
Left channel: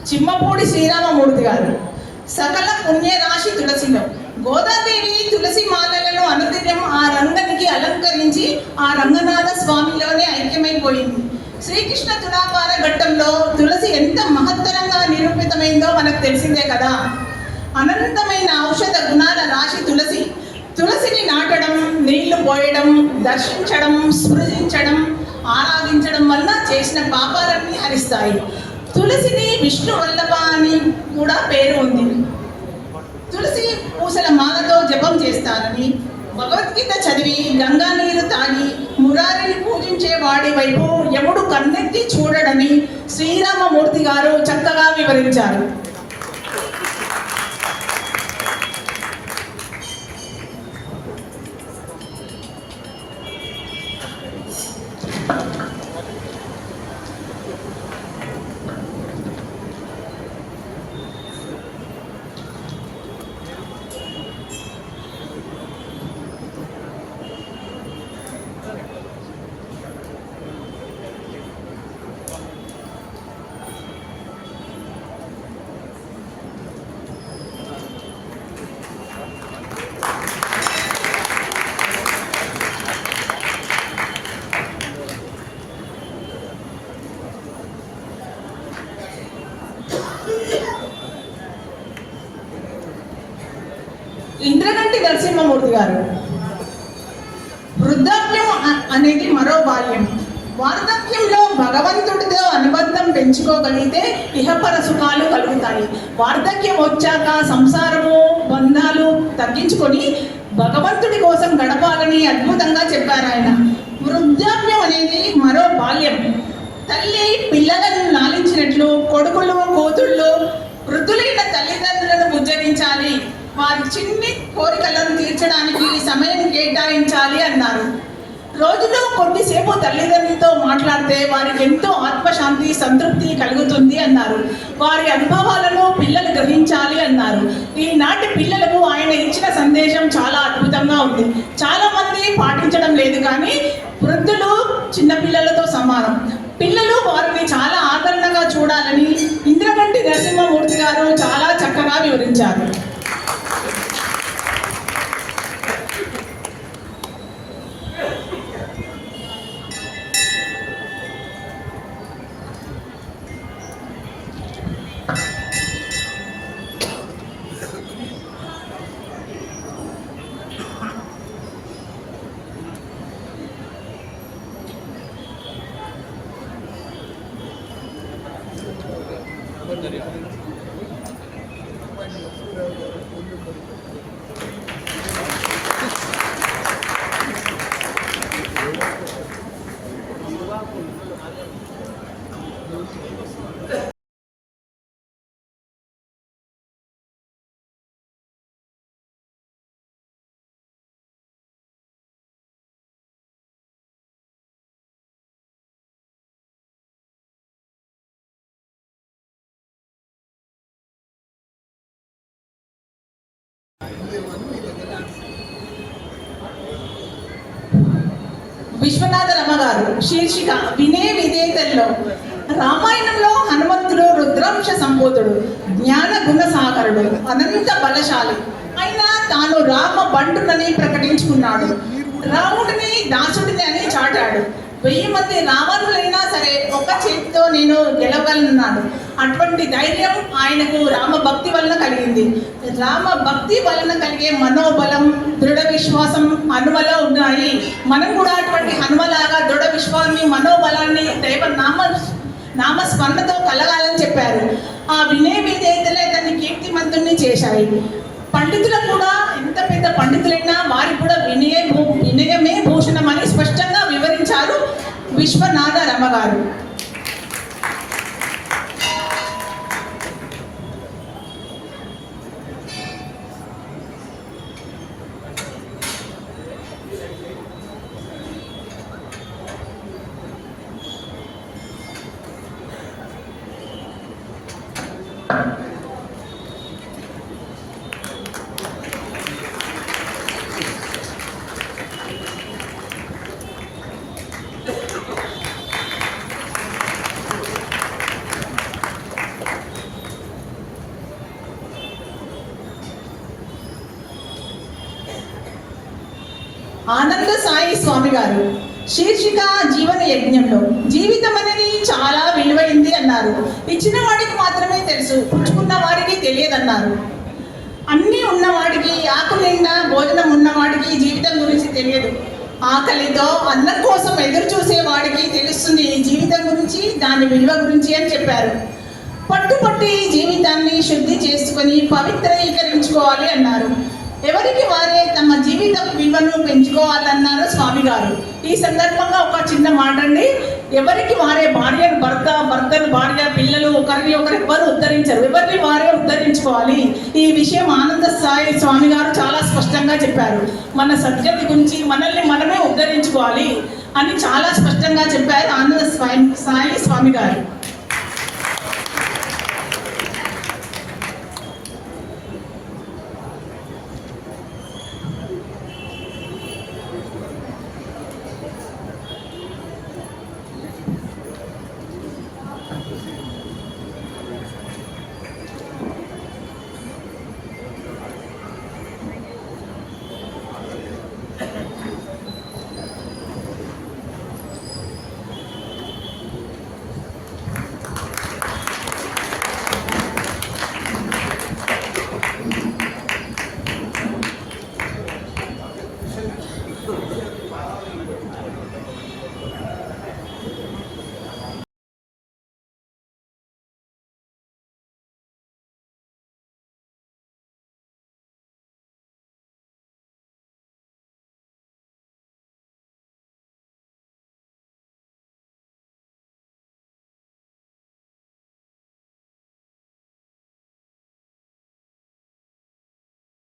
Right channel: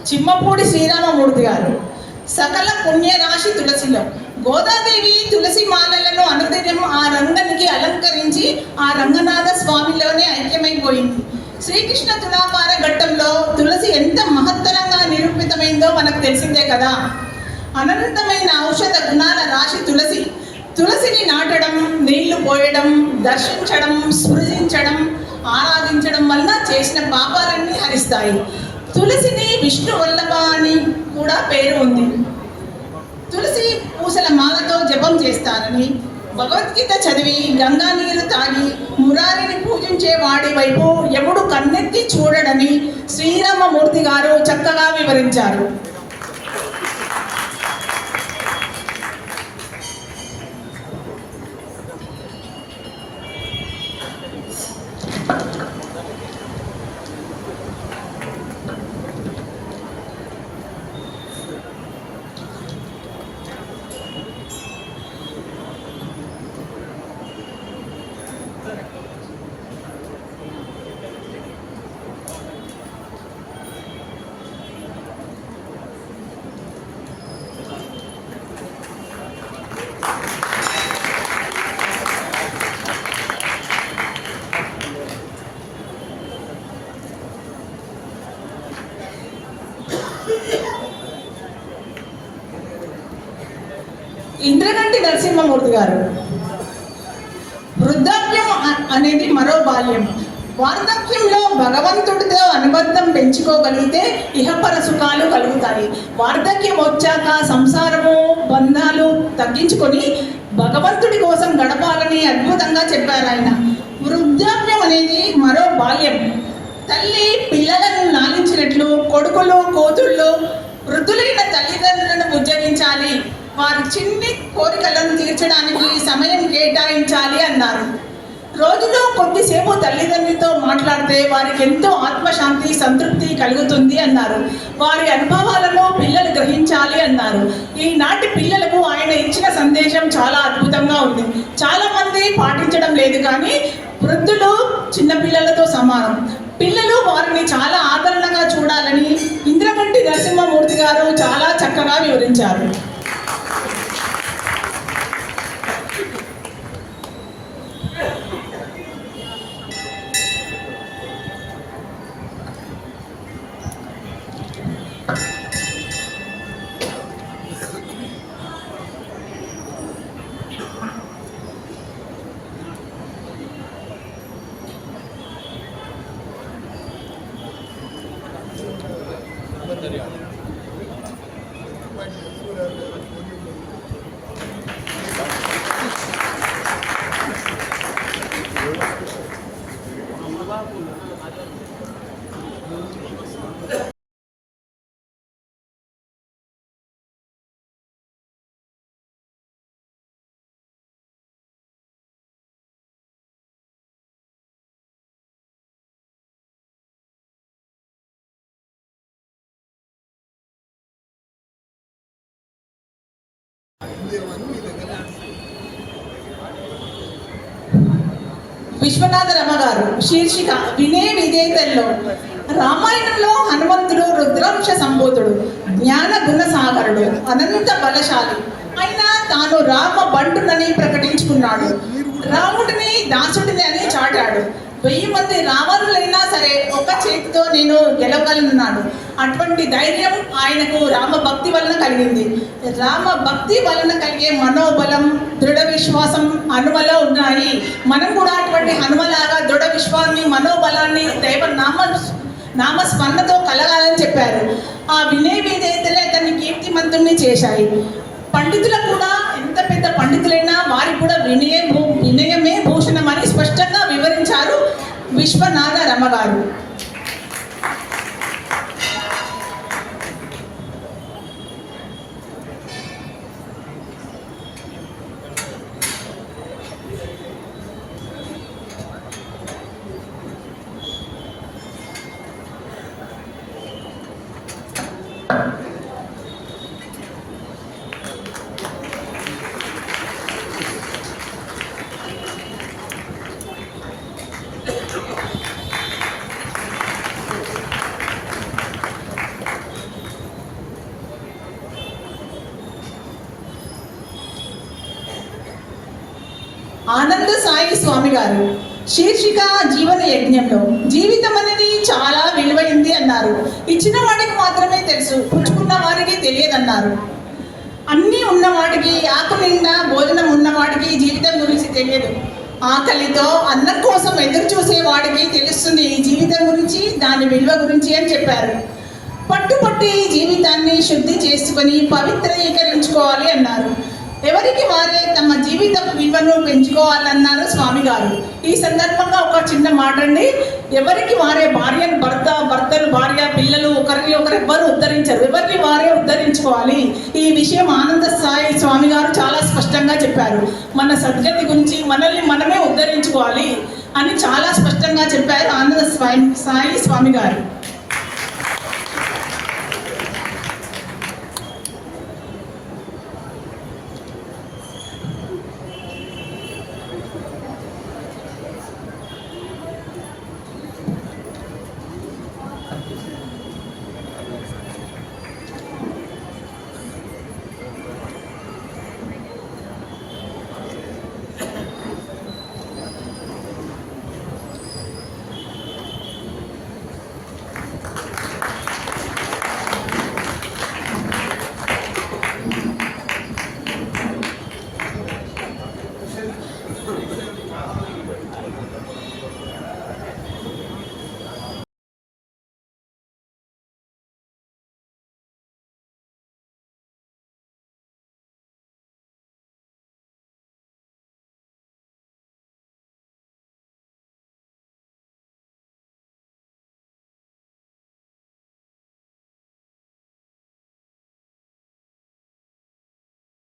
చిమ్మపూడి శ్రీరామమూర్తి గారు సకల పుణ్య రాశి తులసిలో. గోదాదేవి తులసి మాలలను అనుదినం ఆ రంగనికి అలంకరించి ఆ రంగనాథ స్వామిలోనే ఐక్యమైపోయింది. శ్రీకృష్ణ తులాభార ఘట్టంలో తులసి ఎంత మహత్తరంగా నిరూపితమైందో మనకు తెలిసిందే కదా. అనంతమైన ఔషధ గుణాల రాశి తులసి. తులసిని నాటడం, నీళ్లు పోయడం, దర్శించడం, స్పృశించడం, ఆరాధించడం వల్ల చేసిన పాపాలన్నీ హరిస్తాయి. తులసిని విష్ణు వల్లభ అని కూడా పేరు ఉంది. తులసి పూసల మాలతో జపం చేస్తారని, భగవద్గీత చదివి గంగా నీరు తాగి మురారిని పూజించే వాడి వైపు యముడు కన్నెత్తి చూడడని శ్రీరామమూర్తి గారు చక్కగా వివరించారు. ఇంద్రగంటి నరసింహమూర్తి గారు. వృద్ధాప్యం అనేది మరో బాల్యం. వార్ధక్యంలో భగవంతుడితో అనుబంధం పెంచుకోగలిగితే ఇహపర సుఖాలు కలుగుతాయి. వార్ధక్యం వచ్చాక సంసారము బంధాలు తగ్గించుకొని భగవంతుడి కోసం గడపాలని అద్భుతంగా చెప్పారు ఆయన. వృద్ధాప్యం అనేది మరో బాల్యం. తల్లి పిల్లలను లాలించినట్లు కొడుకులు కూతుళ్ళు వృద్ధులైన తల్లిదండ్రులను ఉజ్జగించాలి. వారి చిన్ని కోరికలను తీర్చడానికి సమయం కేటాయించాలి అన్నారు. రోజులో కొద్దిసేపు తల్లిదండ్రులతో మాట్లాడితే వారికి ఎంతో ఆత్మశాంతి సంతృప్తి కలుగుతుంది అన్నారు. వారి అనుభవాలను పిల్లలు గ్రహించాలి అన్నారు. ఈనాటి పిల్లలకు ఆయన ఇచ్చిన సందేశం చాలా అద్భుతంగా ఉంది. చాలా మంది పాటించడం లేదు, కానీ వృద్ధులు చిన్నపిల్లలతో సమానం. పిల్లలు వారిని చాలా ఆదరణగా చూడాలని ఇంద్రగంటి నరసింహమూర్తి గారు చాలా చక్కగా వివరించారు. విశ్వనాథ రమ గారు. శీర్షిక వినే విధేయతల్లో. రామాయణంలో హనుమంతుడు రుద్రాంశ సంభూతుడు, జ్ఞాన గుణ సాగరుడు, అనంత బలశాలి. అయినా తాను రామ బంటునని ప్రకటించుకున్నాడు. రాముడిని దాసుడిని అని చాటాడు. 1000 మంది రావణులైనా సరే ఒక చేతితో నేను గెలవగలనున్నాడు. అటువంటి ధైర్యం ఆయనకు రామ భక్తి వలన కలిగింది. రామ భక్తి వలన కలిగే మనోబలం, దృఢ విశ్వాసం హనుమలో ఉన్నాయి. మనం కూడా అటువంటి హనుమలాగా దృఢ విశ్వాసాన్ని మనోబలాన్ని దైవ నామస్మరణతో కలగాలని చెప్పారు. ఆ వినయ విధేయతలే తన కీర్తిమంతుణ్ణి చేశాయి. పండితులు కూడా ఎంత పెద్ద పండితులైనా వారికి కూడా వినయమే భూషణం అని స్పష్టంగా వివరించారు విశ్వనాథ రమ గారు. ఆనంద సాయి స్వామి గారు. శీర్షిక జీవన యజ్ఞంలో. జీవితం అనేది చాలా విలువైంది అన్నారు. ఇచ్చిన వాడికి మాత్రమే తెలుసు, పుచ్చుకున్న వారికి తెలియదన్నారు. అన్నీ ఉన్నవాడికి, ఆకు నిండా భోజనం ఉన్నవాడికి జీవితం గురించి తెలియదు. ఆకలితో అన్నం కోసం ఎదురు చూసే వాడికి తెలుస్తుంది ఈ జీవితం గురించి, దాని విలువ గురించి అని చెప్పారు. పట్టుపట్టి జీవితాన్ని శుద్ధి చేసుకొని పవిత్రీకరించుకోవాలి అన్నారు. ఎవరికి వారే తమ జీవిత విలువను పెంచుకోవాలన్నారు స్వామి గారు. ఈ సందర్భంగా ఒక చిన్న మాట అండి. ఎవరికి వారే భర్తలు భార్య పిల్లలు ఒకరిని ఒకరెవ్వరు ఉద్ధరించరు. ఎవరిని వారే ఉద్ధరించుకోవాలి. ఈ విషయం ఆనంద సాయి స్వామి గారు చాలా స్పష్టంగా చెప్పారు. మన సద్గతి గురించి మనల్ని మనమే ఉద్ధరించుకోవాలి అని చాలా స్పష్టంగా చెప్పారు ఆనంద సాయి స్వామి గారు.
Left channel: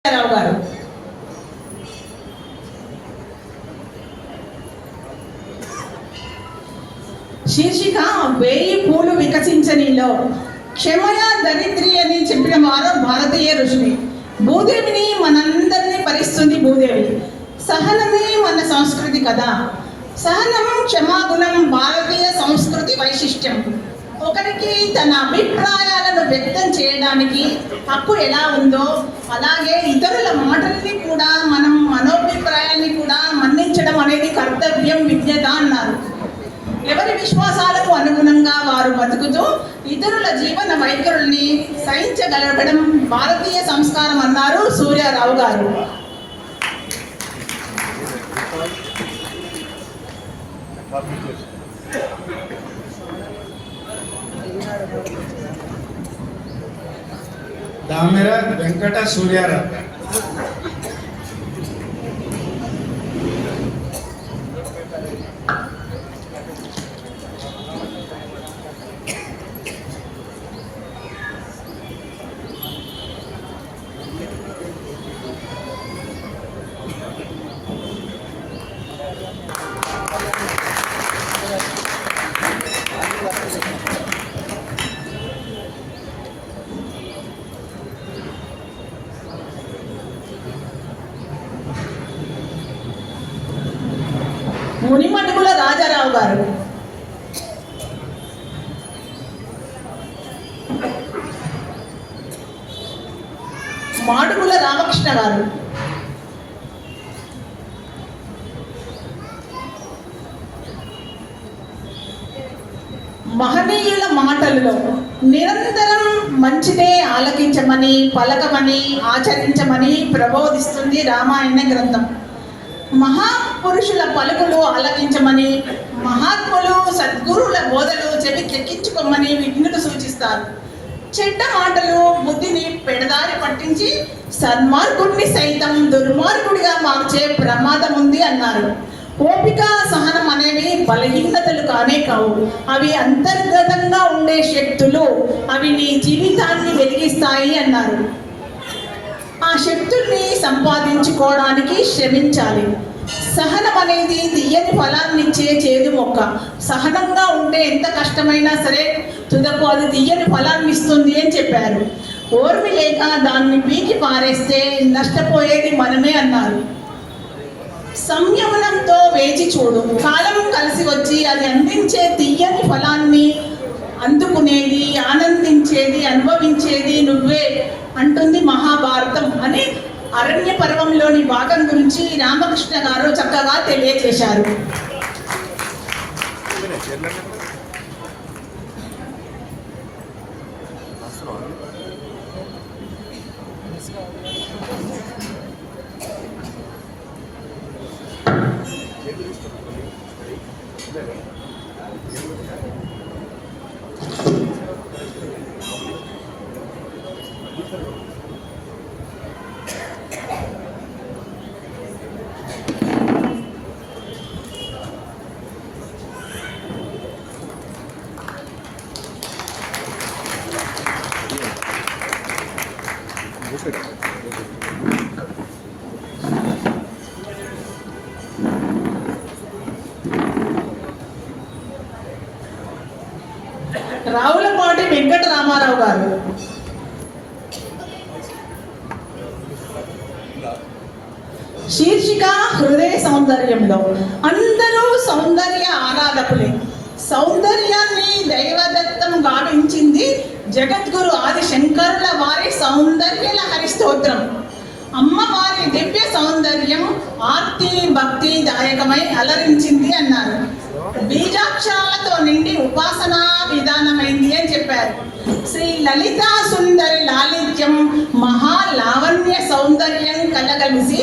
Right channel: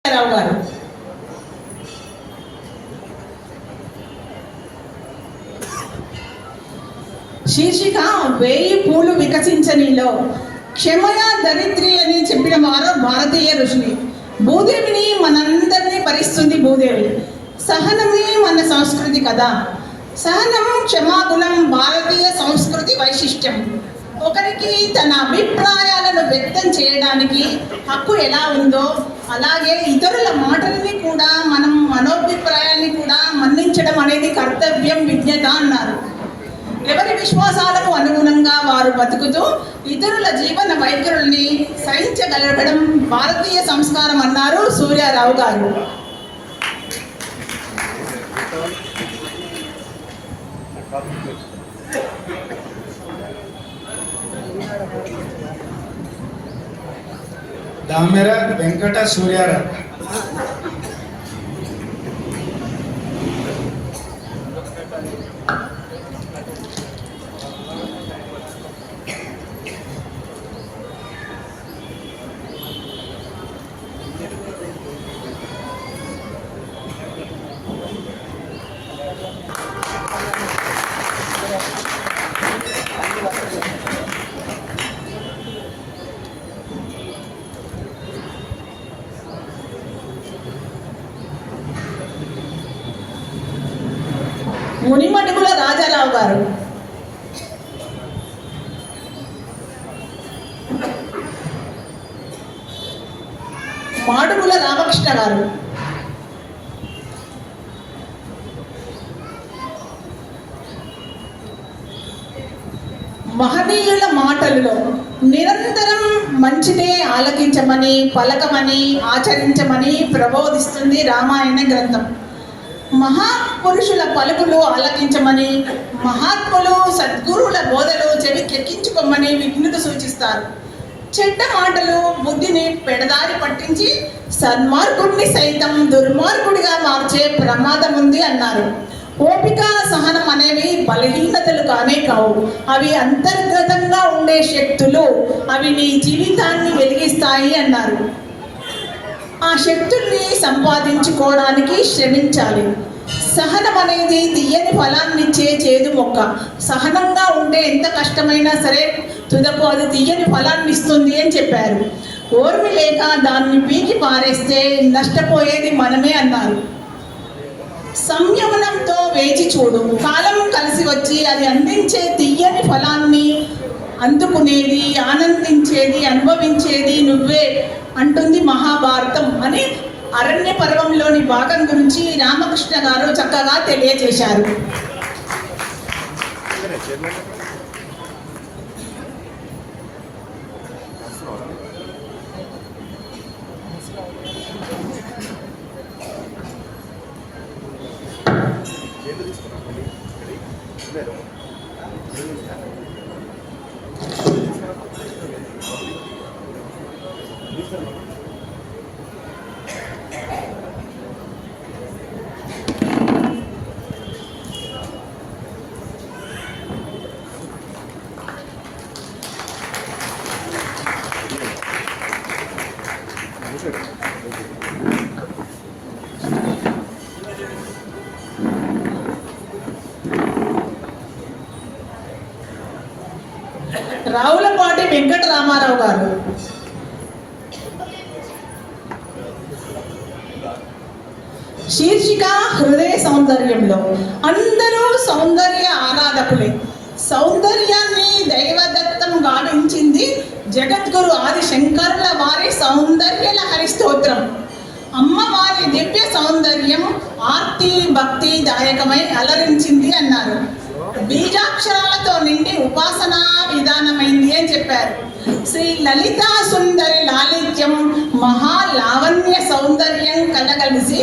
రావు గారు. శీర్షిక 1000 పూలు వికసించనిలో క్షమయ దరిద్రి అని చెప్పిన వారు భారతీయ ఋషులు. భూదేవిని మనందరినీ భరిస్తుంది భూదేవి. సహనమే మన సంస్కృతి కదా. సహనం, క్షమాగుణం భారతీయ సంస్కృతి వైశిష్ట్యం. ఒకరికి తన అభిప్రాయాలను వ్యక్తం చేయడానికి హక్కు ఎలా ఉందో అలాగే ఇతరుల మాటల్ని కూడా మనం మనోభిప్రాయాన్ని కూడా మన్నించడం అనేది కర్తవ్యం, విజ్ఞత అన్నారు. ఎవరి విశ్వాసాలకు అనుగుణంగా వారు బతుకుతూ ఇతరుల జీవన వైఖరుల్ని సహించగలగడం భారతీయ సంస్కారం అన్నారు సూర్యారావు గారు. దామెర వెంకట సూర్యారావు. మునిమడుగుల రాజారావు గారు. మాడుగుల రామకృష్ణ గారు. మహనీయుల మాటల్లో నిరంతరం మంచిదే ఆలకించమని, పలకమని, ఆచరించమని ప్రబోధిస్తుంది రామాయణ గ్రంథం. మహాపురుషుల పలుకులు ఆలకించమని, మహాత్ములు సద్గురువుల బోధలు చెవికెక్కించుకోమని విఘ్నులు సూచిస్తారు. చెడ్డ మాటలు బుద్ధిని పెడదారి పట్టించి సన్మార్గుడిని సైతం దుర్మార్గుడిగా మార్చే ప్రమాదం ఉంది అన్నారు. ఓపిక, సహనం అనేవి బలహీనతలు కానే కావు. అవి అంతర్గతంగా ఉండే శక్తులు. అవి నీ జీవితాన్ని వెలిగిస్తాయి అన్నారు. ఆ శక్తుల్ని సంపాదించుకోవడానికి శ్రమించాలి. సహనం అనేది తీయని ఫలాన్నిచ్చే చేదు మొక్క. సహనంగా ఉంటే ఎంత కష్టమైనా సరే తుదకు అది తీయని ఫలాన్ని ఇస్తుంది అని చెప్పారు. ఓర్మి లేక దాన్ని పీకి పారేస్తే నష్టపోయేది మనమే అన్నారు. సంయమనంతో వేచి చూడు, కాలం కలిసి వచ్చి అది అందించే తీయని ఫలాన్ని అందుకునేది, ఆనందించేది, అనుభవించేది నువ్వే అంటుంది మహాభారతం అని అరణ్య పర్వంలోని భాగం గురించి రామకృష్ణ గారు చక్కగా తెలియజేశారు. రావులపాటి వెంకట రామారావు గారు. శీర్షిక హృదయ సౌందర్యంలో అందరూ సౌందర్య ఆరాధకులే. సౌందర్యాన్ని దైవదత్తం గావించింది జగద్గురు ఆది శంకరుల వారి సౌందర్య లహరి స్తోత్రం. అమ్మవారి దివ్య సౌందర్యం ఆర్తి భక్తి దాయకమై అలరించింది అన్నారు. బీజాక్షరాలతో నిండి ఉపాసనా విధానమైంది అని చెప్పారు. శ్రీ లలితా సుందరి లాలిత్యం మహాలావణ్య సౌందర్యం కలగలిసి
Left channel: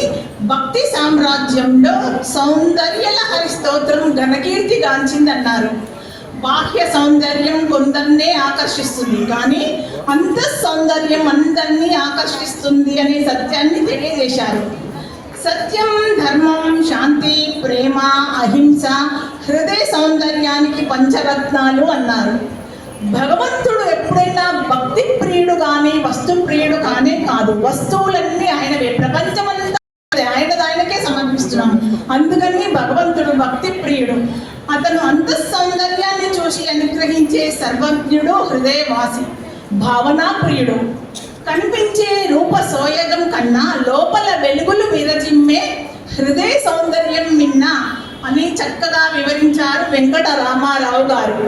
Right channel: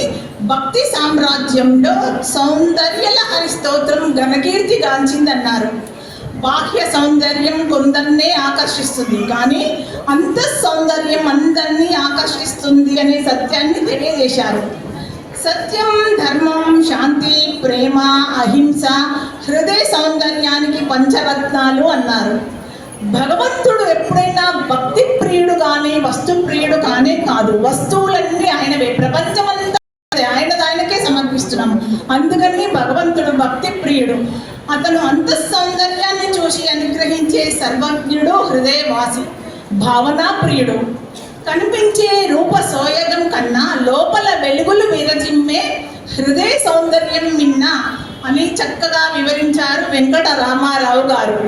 భక్తి సామ్రాజ్యంలో సౌందర్య లహరి స్తోత్రం ఘనకీర్తి గాంచిందన్నారు. బాహ్య సౌందర్యం కొందరినే ఆకర్షిస్తుంది, కానీ అంత సౌందర్యం అందరినీ ఆకర్షిస్తుంది అనే సత్యాన్ని తెలియజేశారు. సత్యం, ధర్మం, శాంతి, ప్రేమ, అహింస హృదయ సౌందర్యానికి పంచరత్నాలు అన్నారు. భగవంతుడు ఎప్పుడైనా భక్తి ప్రియుడు కానీ వస్తు ప్రియుడు కానే కాదు. వస్తువులన్నీ ఆయన భావనా ప్రియుడు. కనిపించే రూప సోయగం కన్నా లోపల వెలుగులు విరజిమ్మే హృదయ సౌందర్యం మిన్న అని చక్కగా వివరించారు వెంకట రామారావు గారు.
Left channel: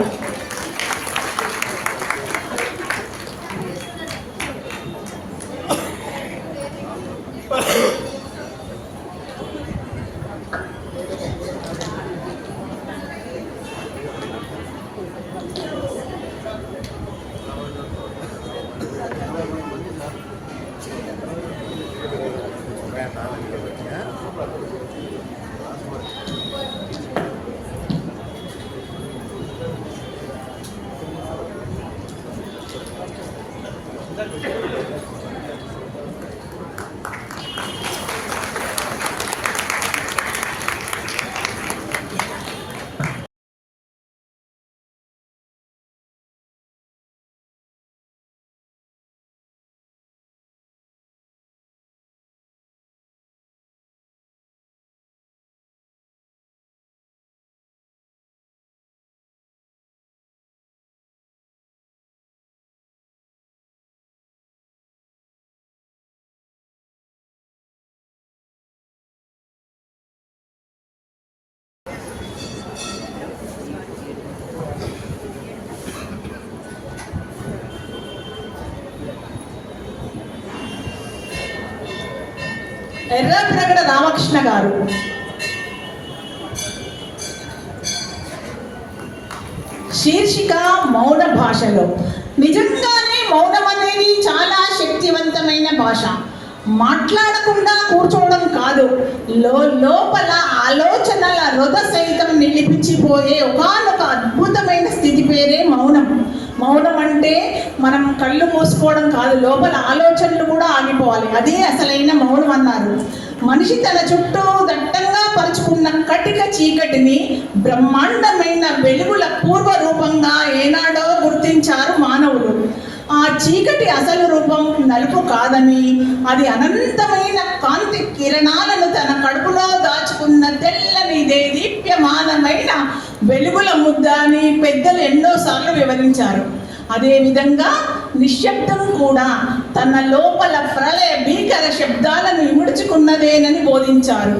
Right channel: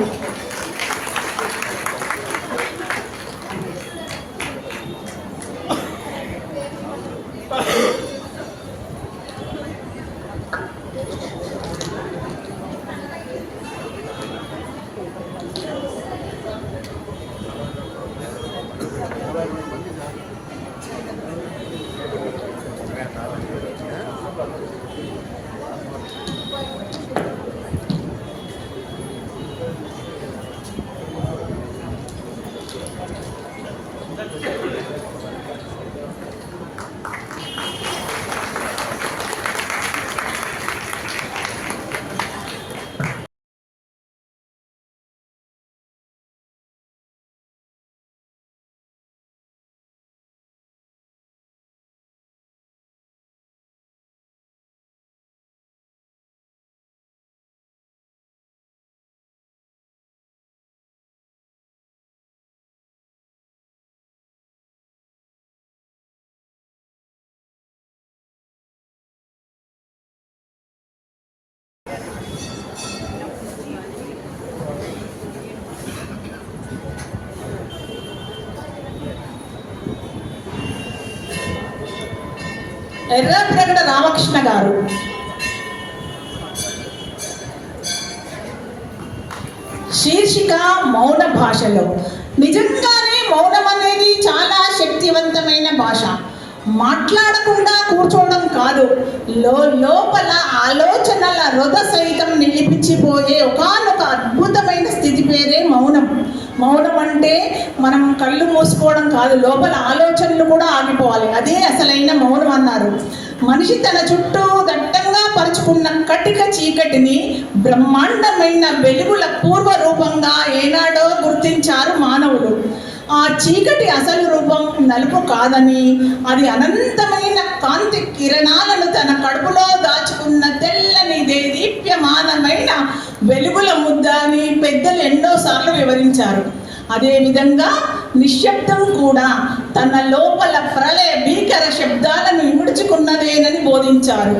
ఎర్రప్రగడ రామకృష్ణ గారు. శీర్షిక మౌన భాషలో. నిజంగానే మౌనం అనేది చాలా శక్తివంతమైన భాష. మాట్లాడకుండా కూర్చోవడం కాదు, లోపల ఆలోచనల రొద సైతం నిలిపించిపోయే ఒకానొక అద్భుతమైన స్థితి పేరే మౌనం. మౌనం అంటే మనం కళ్ళు మూసుకోవడం కాదు, లోపల ఆలోచనలు కూడా ఆగిపోవాలి. అదే అసలైన మౌనం అన్నారు. మనిషి తన చుట్టూ దట్టంగా పరుచుకున్న కటిక చీకటిని బ్రహ్మాండమైన వెలుగుల పూర్వ రూపంగా ఏనాడో గుర్తించారు మానవులు. ఆ చీకటి అసలు రూపం నలుపు కాదని, అది అనంతమైన కాంతి కిరణాలను తన కడుపులో దాచుకున్న తెల్లని దీప్యమానమైన వెలుగుల ముద్ద అని పెద్దలు ఎన్నోసార్లు వివరించారు. అదేవిధంగా నిశ్శబ్దం కూడా తన లోపల ప్రళయ భీకర శబ్దాలను ఇముడుచుకున్నదేనని బోధించారు.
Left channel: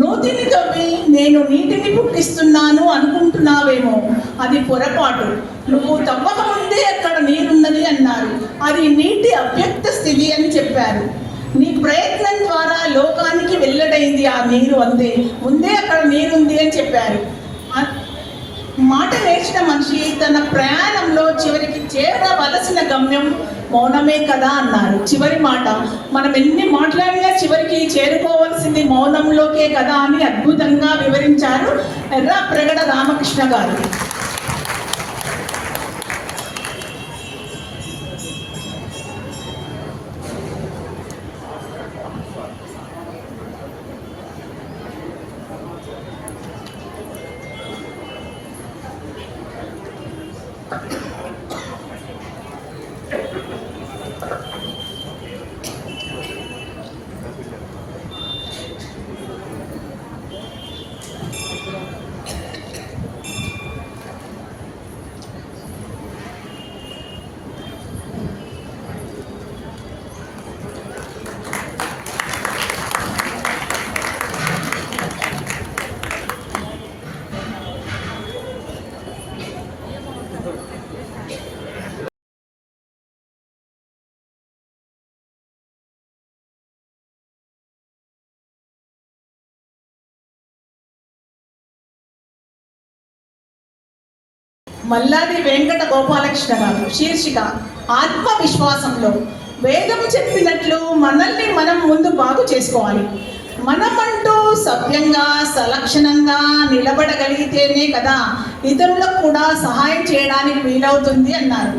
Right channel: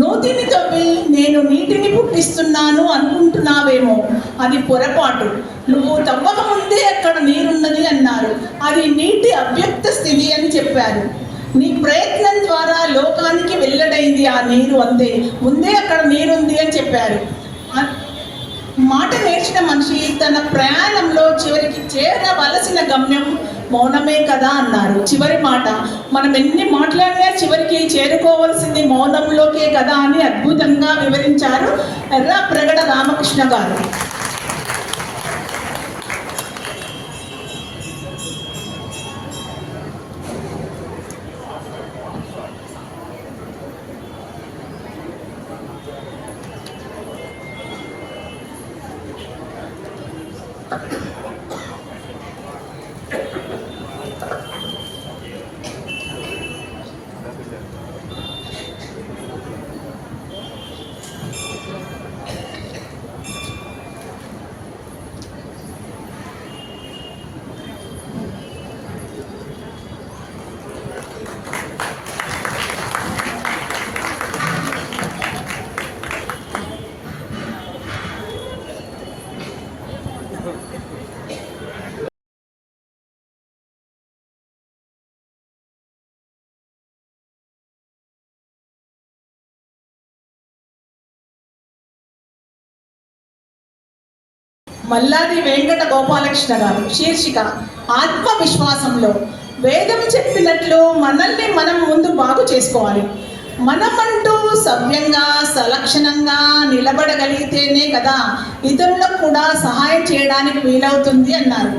నూతిని తవ్వి నేను నీటిని పుట్టిస్తున్నాను అనుకుంటున్నావేమో, అది పొరపాటు. నువ్వు తవ్వకముందే అక్కడ నీరున్నది అన్నారు. అది నీటి అవ్యక్త స్థితి అని చెప్పారు. నీ ప్రయత్నం ద్వారా లోకానికి వెల్లడైంది ఆ నీరు, అంతే. ముందే అక్కడ నీరుంది అని చెప్పారు. మాట నేర్చిన మనిషి తన ప్రయాణంలో చివరికి చేరవలసిన గమ్యం మౌనమే కదా అన్నారు. చివరి మాట, మనం ఎన్ని మాట్లాడినా చివరికి చేరుకోవాల్సింది మౌనంలోకే కదా అని అద్భుతంగా వివరించారు ఎర్రప్రగడ రామకృష్ణ గారు. మల్లాది వెంకట గోపాలకృష్ణ గారు. శీర్షిక ఆత్మవిశ్వాసంలో. వేదం చెప్పినట్లు మనల్ని మనం ముందు బాగు చేసుకోవాలి. మనమంటూ సభ్యంగా సలక్షణంగా నిలబడగలిగితేనే కదా ఇతరులకు కూడా సహాయం చేయడానికి వీలవుతుంది అన్నారు.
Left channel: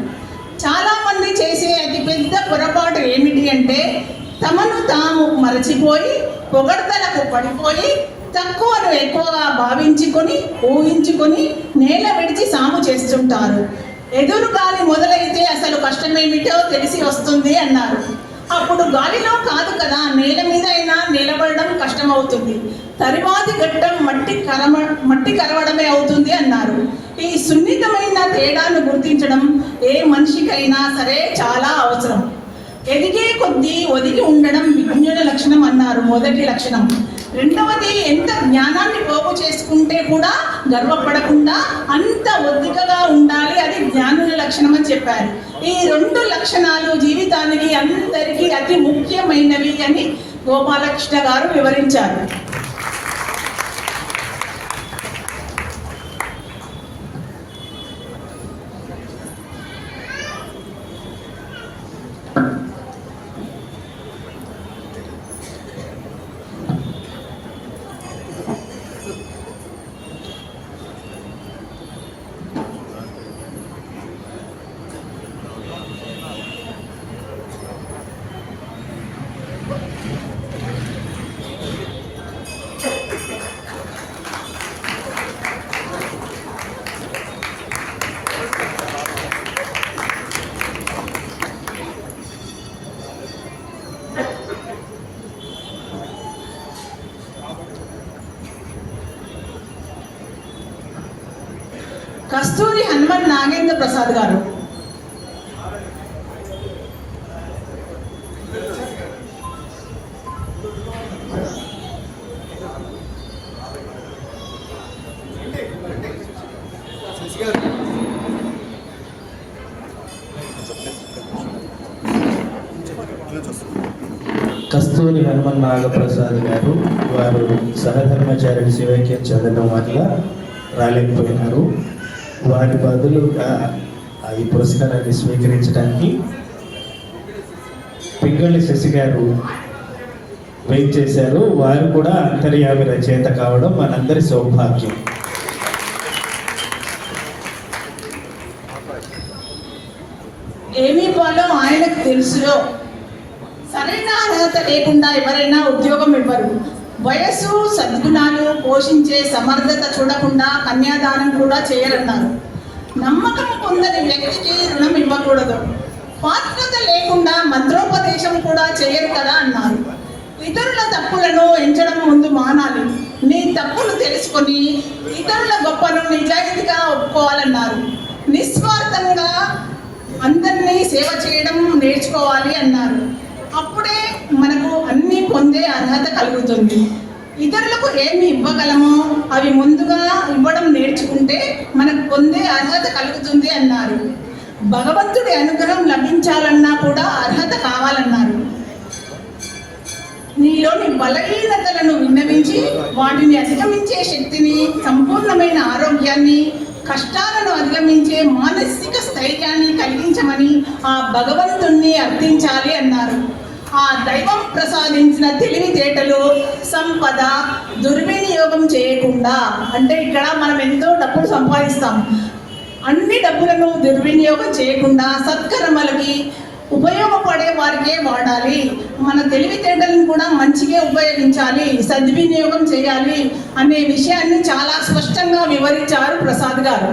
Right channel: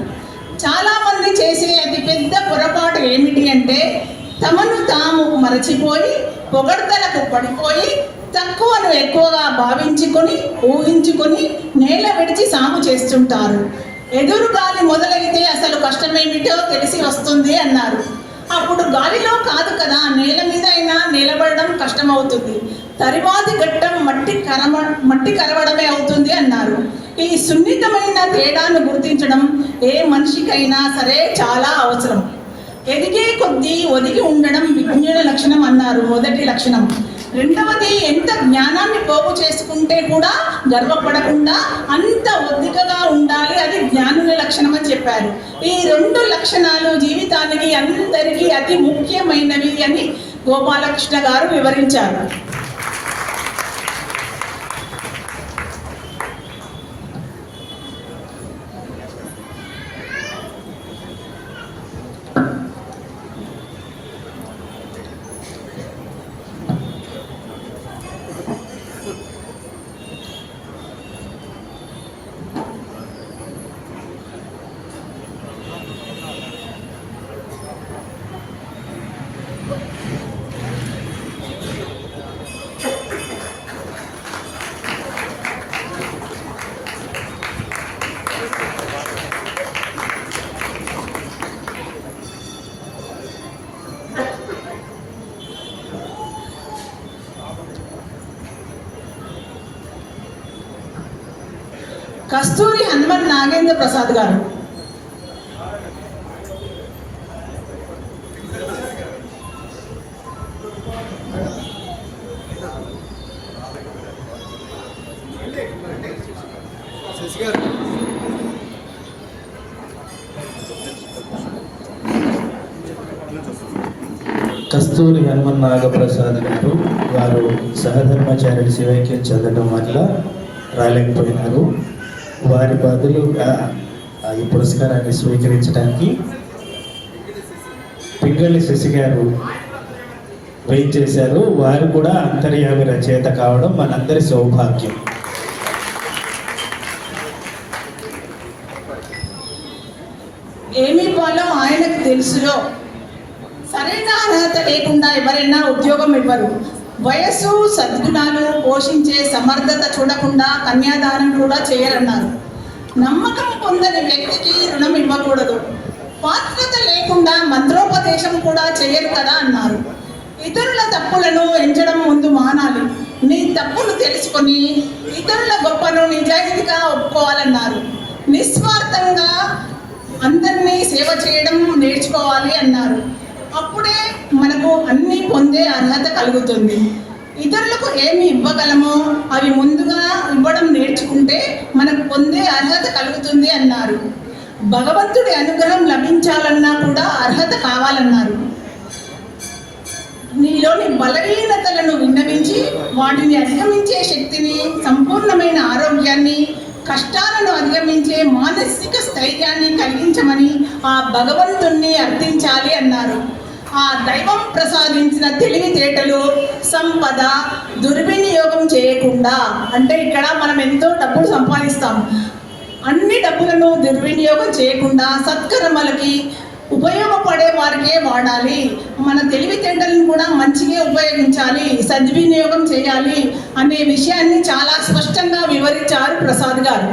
చాలామంది చేసే అతిపెద్ద పొరపాటు ఏమిటి అంటే తమను తాము మరచిపోయి పొగడ్తలకు పడిపోయి తక్కువను ఎక్కువగా భావించుకొని ఊహించుకొని నేల విడిచి సాగు చేస్తుంటారు. ఎదురు గాలి మొదలైతే అసలు కష్టమేమిటో తెలిసి వస్తుంది అన్నారు. అప్పుడు గాలిలో కాదు కదా, నేల మీద అయినా నిలబడడం కష్టమవుతుంది. తరువాతి ఘట్టం మట్టి కరవడమే అవుతుంది అన్నారు. ఈ సున్నితమైన తేడాను గుర్తి గుర్తించడం ఏ మనిషికైనా సరే చాలా అవసరం. ఎదిగే కొద్దీ ఒదిగి ఉండడం విజ్ఞుల లక్షణం అన్నారు, మొదటి లక్షణం. రెండవది, ఎంత జ్ఞానాన్ని పోగు చేసుకుంటే కూడా గర్వపడకుండా అంత ఒద్దికగా ఉండాలి, అది జ్ఞానుల లక్షణం అని చెప్పారు. ఈ రెండు లక్షణాలు జీవితానికి అందరికీ అతి ముఖ్యమైనవి అని గోపాలకృష్ణ గారు వివరించారు. కస్తూరి హనుమన్ నాగేంద్ర ప్రసాద్ గారు. కస్తూరి హనుమన్ నాగప్రసాద్ గారు, వారు సహధర్మచారి శివైక్య చదవడం వల్ల రాలేకపోయినారు. వారి బదులుగా ఈ పురస్కారాన్ని స్వీకరించడానికి పింగళి శశి గారు వెయిట్ చేశారు. వారు కూడా అంతర్యామి రచయిత కావడం మనందరి సౌభాగ్యం. ఏమి ఇవ్వాలో ఆయనకు తెలుసులో. సరైన అర్హత లేకుండా ఎవరైనా ఉద్యోగం ఇవ్వరు. వయస్సు, సద్గుణాలు పోషించే సమర్థత చూడకుండా కన్యాదానం కూడా చేయరన్నారు. నమ్మకం పొందని వ్యక్తికి రుణం ఇవ్వకూడదు. పాత్రత లేకుండా మంత్రోపదేశం కూడా చేయరు కదా అన్నారు. ఇతరుల తప్పులను ఎంచడం ముందు మానాలి. నీ తప్పులు తెలుసుకొని ఇతరుల గొప్పను నిజాయితీగా ఒప్పుకోవాలన్నారు. నిస్వార్థంగా అందరినీ సేవ చేయడం నేర్చుకోవాలి అన్నారు. అప్పుడే మనకు అన్ని పొందే అర్హత కలుగుతుంది. ఇతరులకు ఏమి ఇవ్వగలమో అవి ముందుగా ఇవ్వడం నేర్చుకుంటే మనకు పొందే అర్హత కలుగుతుంది అన్నారు. భగవంతుడి అనుగ్రహం లభించాలన్నా కూడా అర్హత కావాలన్నారు. నీలోని బలహీనతలను విన్నవించి వాటిని అధిగమించే శక్తిని, సంపూర్ణమైన ఆరోగ్యాన్ని, కష్టాలను అధిగమించే మానసిక స్థైర్యాన్ని కలిగించమని ఆ భగవంతుణ్ణి అర్థించాలి అన్నారు. ఆ దైవం ప్రసాదించిన తెలివితేటలు, సంపద దుర్వినియోగం చేయకుండా, అంటే ఇక్కడ మనం ఎంతో డబ్బులు సంపాదిస్తాం, అన్ని డబ్బులను దుర్వినియోగం చేయకుండా సత్కర్మలకి ఉపయోగపడే వారికే వాడాలి. మన తెలివితేటలను కూడా మంచిగా ఉపయోగించాలి, సద్వినియోగం చేయాలి అనే విషయాన్ని చాలా స్పష్టంగా వివరించారు ప్రసాద్ గారు.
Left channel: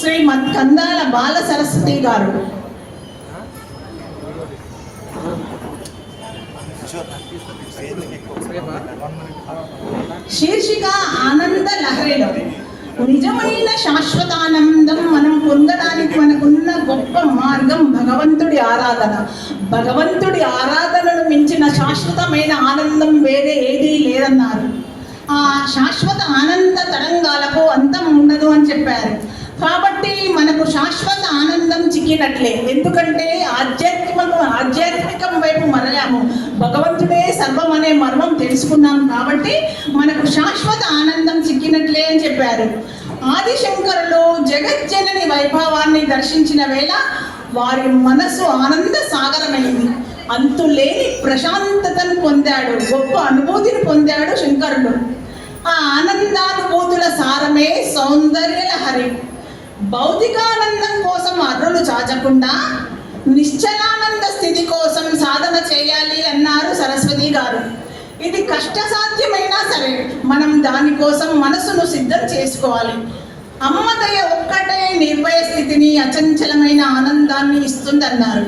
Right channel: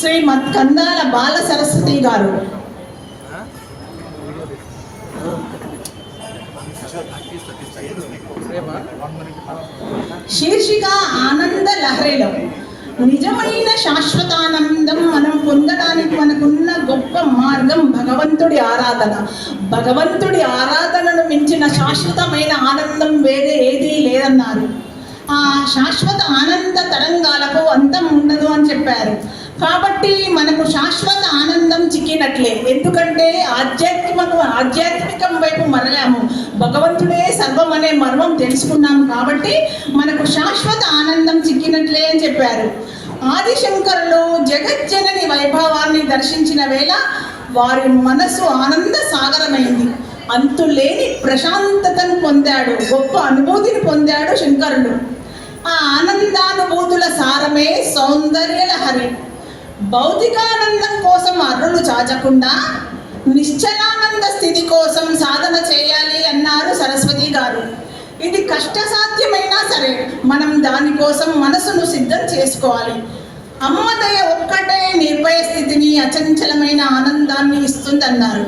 శ్రీమద్ కందాల బాల సరస్వతి గారు. శీర్షిక ఆనంద లహరిలో. నిజమైన శాశ్వతానందం మనం పొందడానికి మనకున్న గొప్ప మార్గం భగవంతుడి ఆరాధన. భగవంతుడి ఆరాధనను మించిన శాశ్వతమైన ఆనందం వేరే ఏదీ లేదన్నారు. ఆ శాశ్వత ఆనంద తరంగాలకు అంతం ఉండదు అని చెప్పారు. కాబట్టి మనకు శాశ్వత ఆనందం చిక్కినట్లే. ఎందుకంటే ఆధ్యాత్మికం వైపు మరలాము. తెలుసుకున్నాం కాబట్టి మనకు శాశ్వత ఆనందం చిక్కినట్లే అని చెప్పారు. ఆదిశంకరులు జగజ్జనని వైభవాన్ని దర్శించిన వేళ వారి మనసు ఆనంద సాగరమైంది. అంతులేని ప్రశాంతతను పొందాడు, గొప్ప అనుభూతిని పొందాడు శంకరుడు. ఆ ఆనందానుభూతుల సారమే సౌందర్య లహరి. భౌతికానందం కోసం అర్రులు చాచకుండా నిశ్చలానంద స్థితి కోసం సాధన చేయాలి అన్నారు సరస్వతి గారు. ఇది కష్టసాధ్యమైనా సరే మనం దానికోసం మనసును సిద్ధం చేసుకోవాలి. అమ్మదయ ఒక్కటే నిర్భయ స్థితిని, అచంచలమైన ఆనందాన్ని ఇస్తుందన్నారు.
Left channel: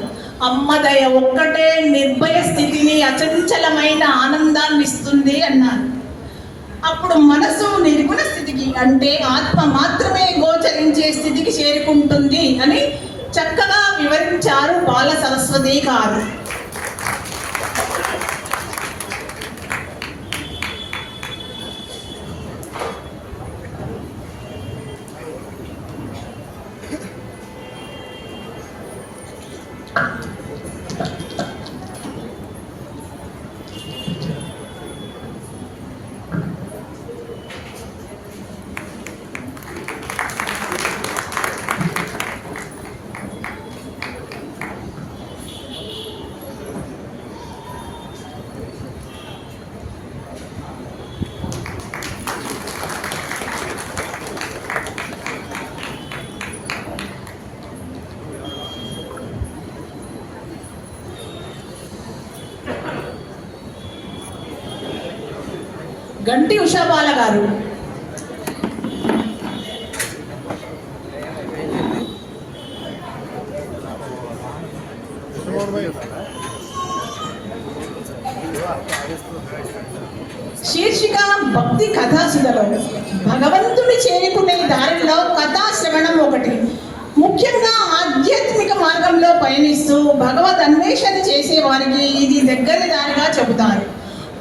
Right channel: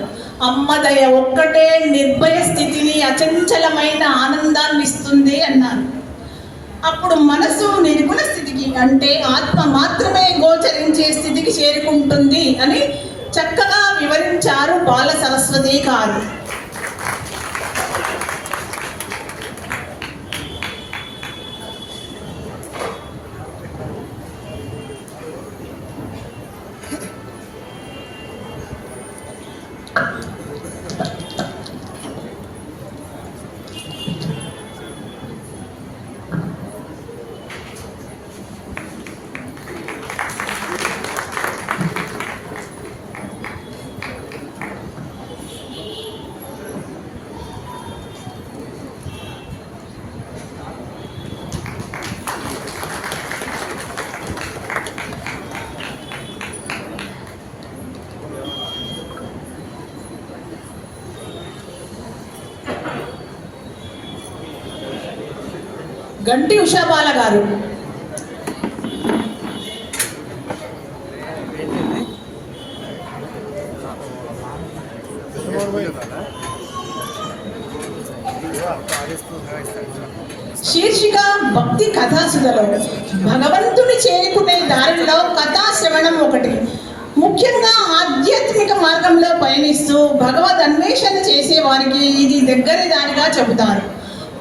అమ్మదయ ఒక్కటే నిర్భయ స్థితిని, అచంచలమైన ఆనందాన్ని ఇస్తుంది అన్నారు. అప్పుడు మనసు నిర్గుణ స్థితికి, అంటే ఆత్మ మాత్రమే గోచరించే స్థితికి చేరుకుంటుంది అని చక్కగా వివరించారు బాల సరస్వతి గారు. గంటి ఉషాబాల గారు. శీర్షిక భక్తి కథాసుధలో భగవంతుని చేరుకునే దారిలో కథాశ్రవణం ఒకటి. ముఖ్యంగా ఆధ్యాత్మిక మార్గంలో పయనిస్తూ భగవద్ అన్వేషణ చేసే వారికి ఇది దగ్గరి దారిగా చెబుతారు.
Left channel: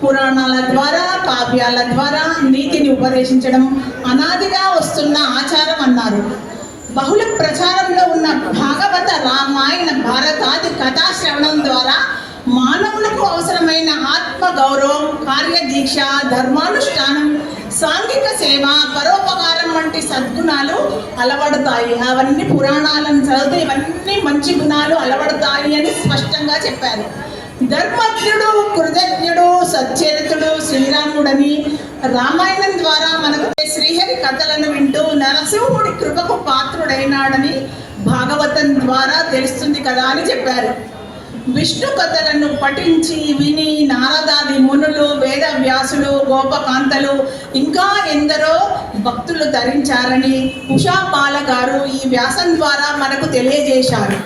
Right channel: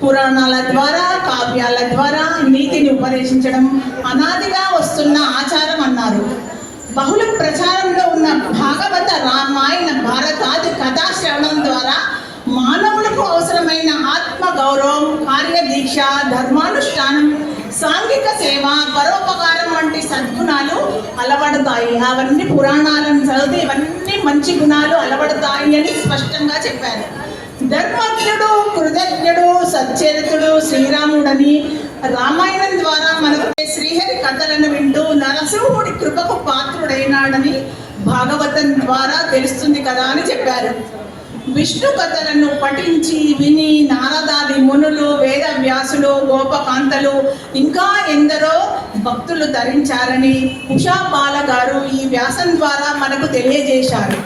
పురాణాల ద్వారా, కావ్యాల ద్వారా నీతిని ఉపదేశించడం అనాదిగా వస్తున్న ఆచారం అన్నారు. బహుళ ప్రచారంలో ఉన్న భాగవత, రామాయణ, భారతాది కథాశ్రవణం ద్వారా మానవులకు అవసరమైన ఆత్మ గౌరవం, కార్యదీక్ష, ధర్మానుష్ఠానం, సాంఘిక సేవ, పరోపకారం వంటి సద్గుణాలు అలవడతాయి. అవన్నీ పురాణాలను చదివితే ఇవన్నీ మంచి గుణాలు అలవడతాయి అని స్పష్టంగా చెప్పారు. ధర్మజ్ఞుడు, కృతజ్ఞుడు, సచ్చరితుడు శ్రీరాముడని రామాయణం ద్వారా మనకు శ్రీహరి కథలను వింటూ నరసింహుడి కృపకు పాత్రుడైనాడని భాగవతం ద్వారా తెలుస్తుంది కదా అని చెప్పారు. విష్ణు కథలను పఠించి విని నారదాది మునులు, వేద వ్యాసులు, గోపకాంతలు ఇంకా ఎందరో భక్తులు ధరించారని ఉషా బాల గారు ఈ వ్యాసం ద్వారా మనకు తెలియజేశారు.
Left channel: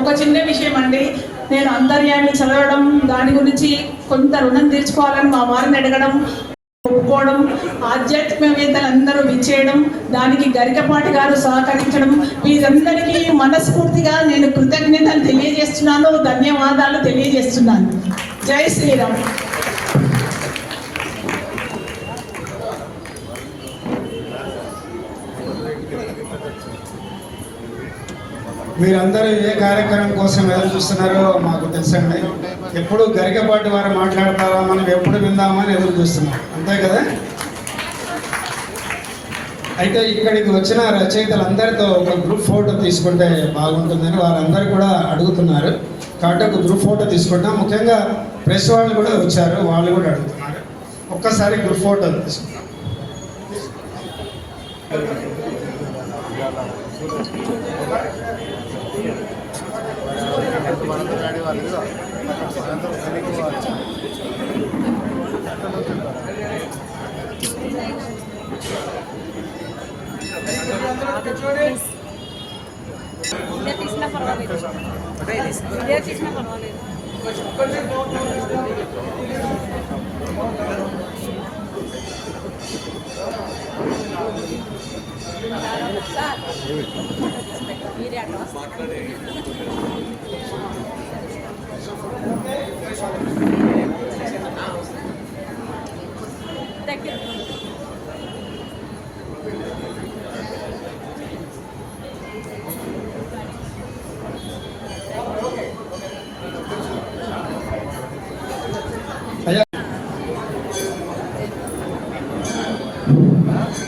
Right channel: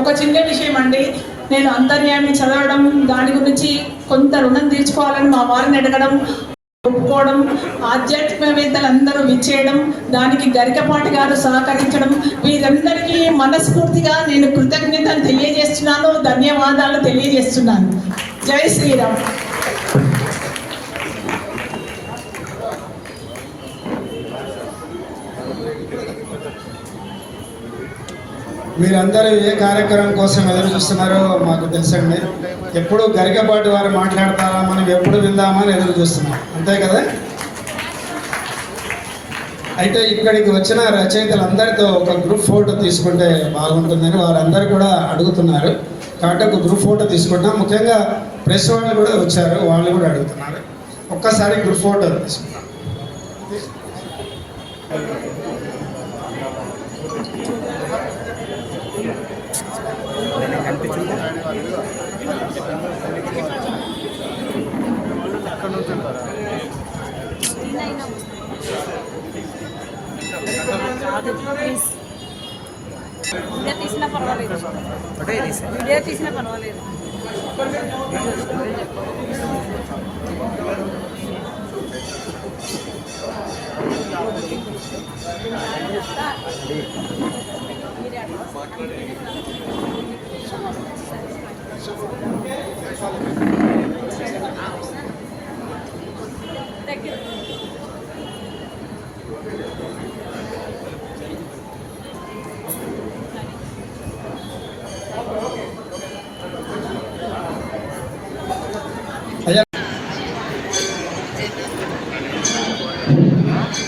ఒక చిన్న విషయం అండి, నేను అంతర్యాన్ని చదవడం, దాని గురించి కొంత రుణం తీర్చుకోవాలని మా వారిని అడగడం, ఒప్పుకోవడం, ఆధ్యాత్మికవేత్తలందరూ విచ్చేయడం, దానికి గరికపాటి గారు సహకరించడం, వీరందరికీ మనస్ఫూర్తిగా నేను కృతజ్ఞతలు తెలియజేస్తున్నాను, ధన్యవాదాలు తెలియజేస్తున్నాను. జై శ్రీరామ్. మీరందరూ ఏ కార్యక్రమం కోసం ఎదురు చూస్తున్నారో మాకు తెలుసండి. ఎప్పుడు గరికపాటి వారు మాట్లాడతారా, మనం ఎప్పుడు విందామని ఎదురు చూస్తున్నాం, అంతే కదా. అయితే ఇక్కడికి వచ్చిన రచయితలందరితో ఒక గ్రూప్ ఫోటో తీసుకుంటే బాగుంటుందని వారందరూ కూడా అడుగుతున్నారు. కాబట్టి ఒక గ్రూప్ ఫోటో తీసుకుంటాం. ముఖ్యంగా ప్రెస్ వాళ్ళు కూడా వచ్చారు, వాళ్ళు కూడా అడుగుతున్నారు. ఒక్కసారి గ్రూప్ ఫోటో తీసుకుంటాం. ప్లీజ్ వీడియో తీసినా పర్వాలేదు వీడియో తీసినా పర్వాలేదు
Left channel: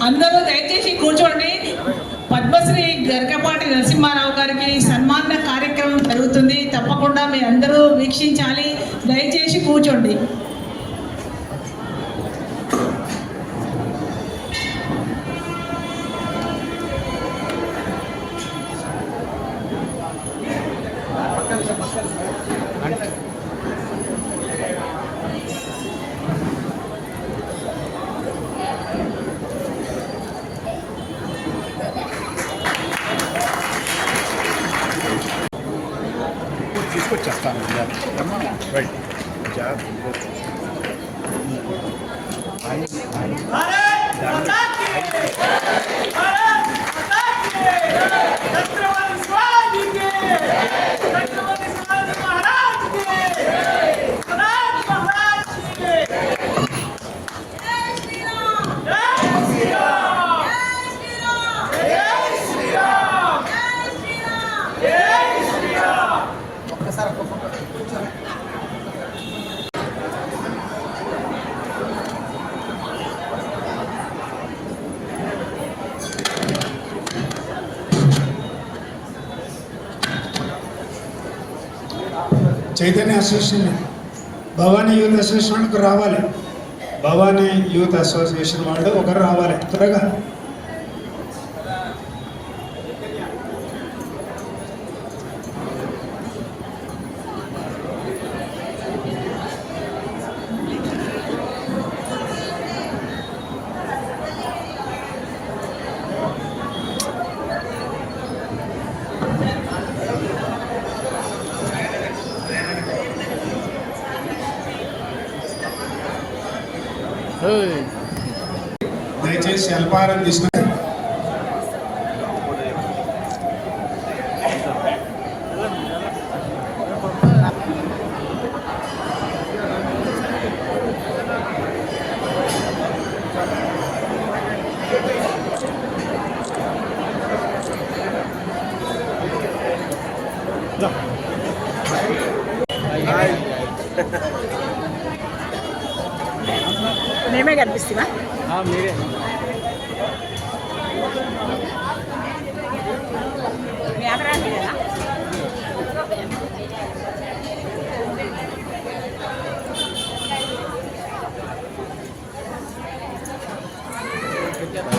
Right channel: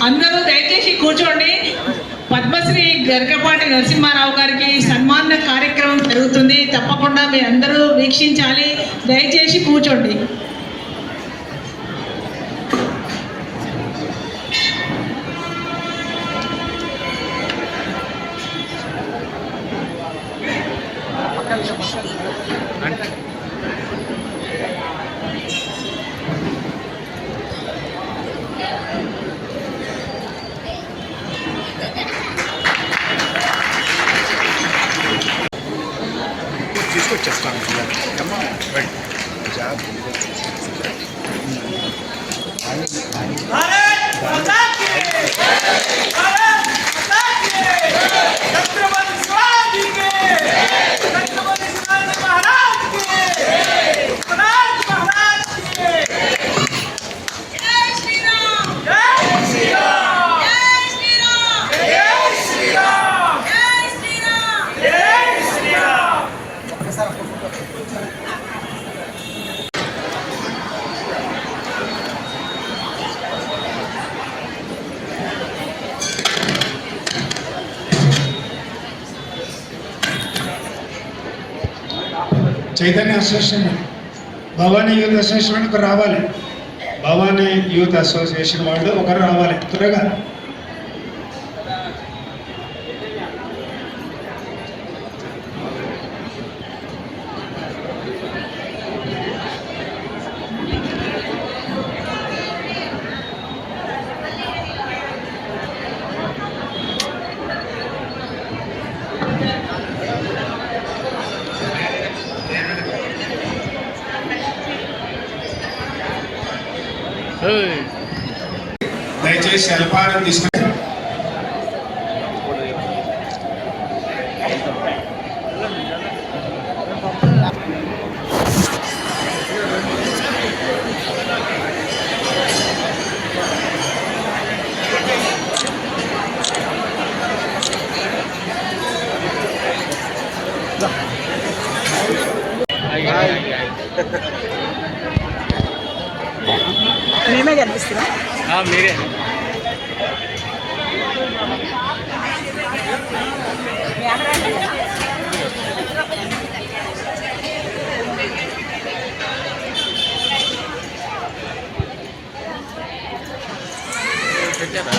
అందరూ దయచేసి కూర్చోండి. పద్మశ్రీ గరికపాటి నరసింహారావు గారికి సన్మాన కార్యక్రమం జరుగుతుంది. తప్పకుండా మీ అందరూ వీక్షించాలి. దయచేసి కూర్చోండి. తీసుకొచ్చేస్తాను. చైతన్య అసోసియేషన్ భవానీ యూత్ అసోసియేషన్కి రావాలి. భవానీ యూత్ అసోసియేషన్ వాళ్ళు ఒకరు రావాలి త్వరగా. దయచేసి అల్పారం తీసుకుని మేమే కనిపిస్తున్నా. మీరే పెట్టారా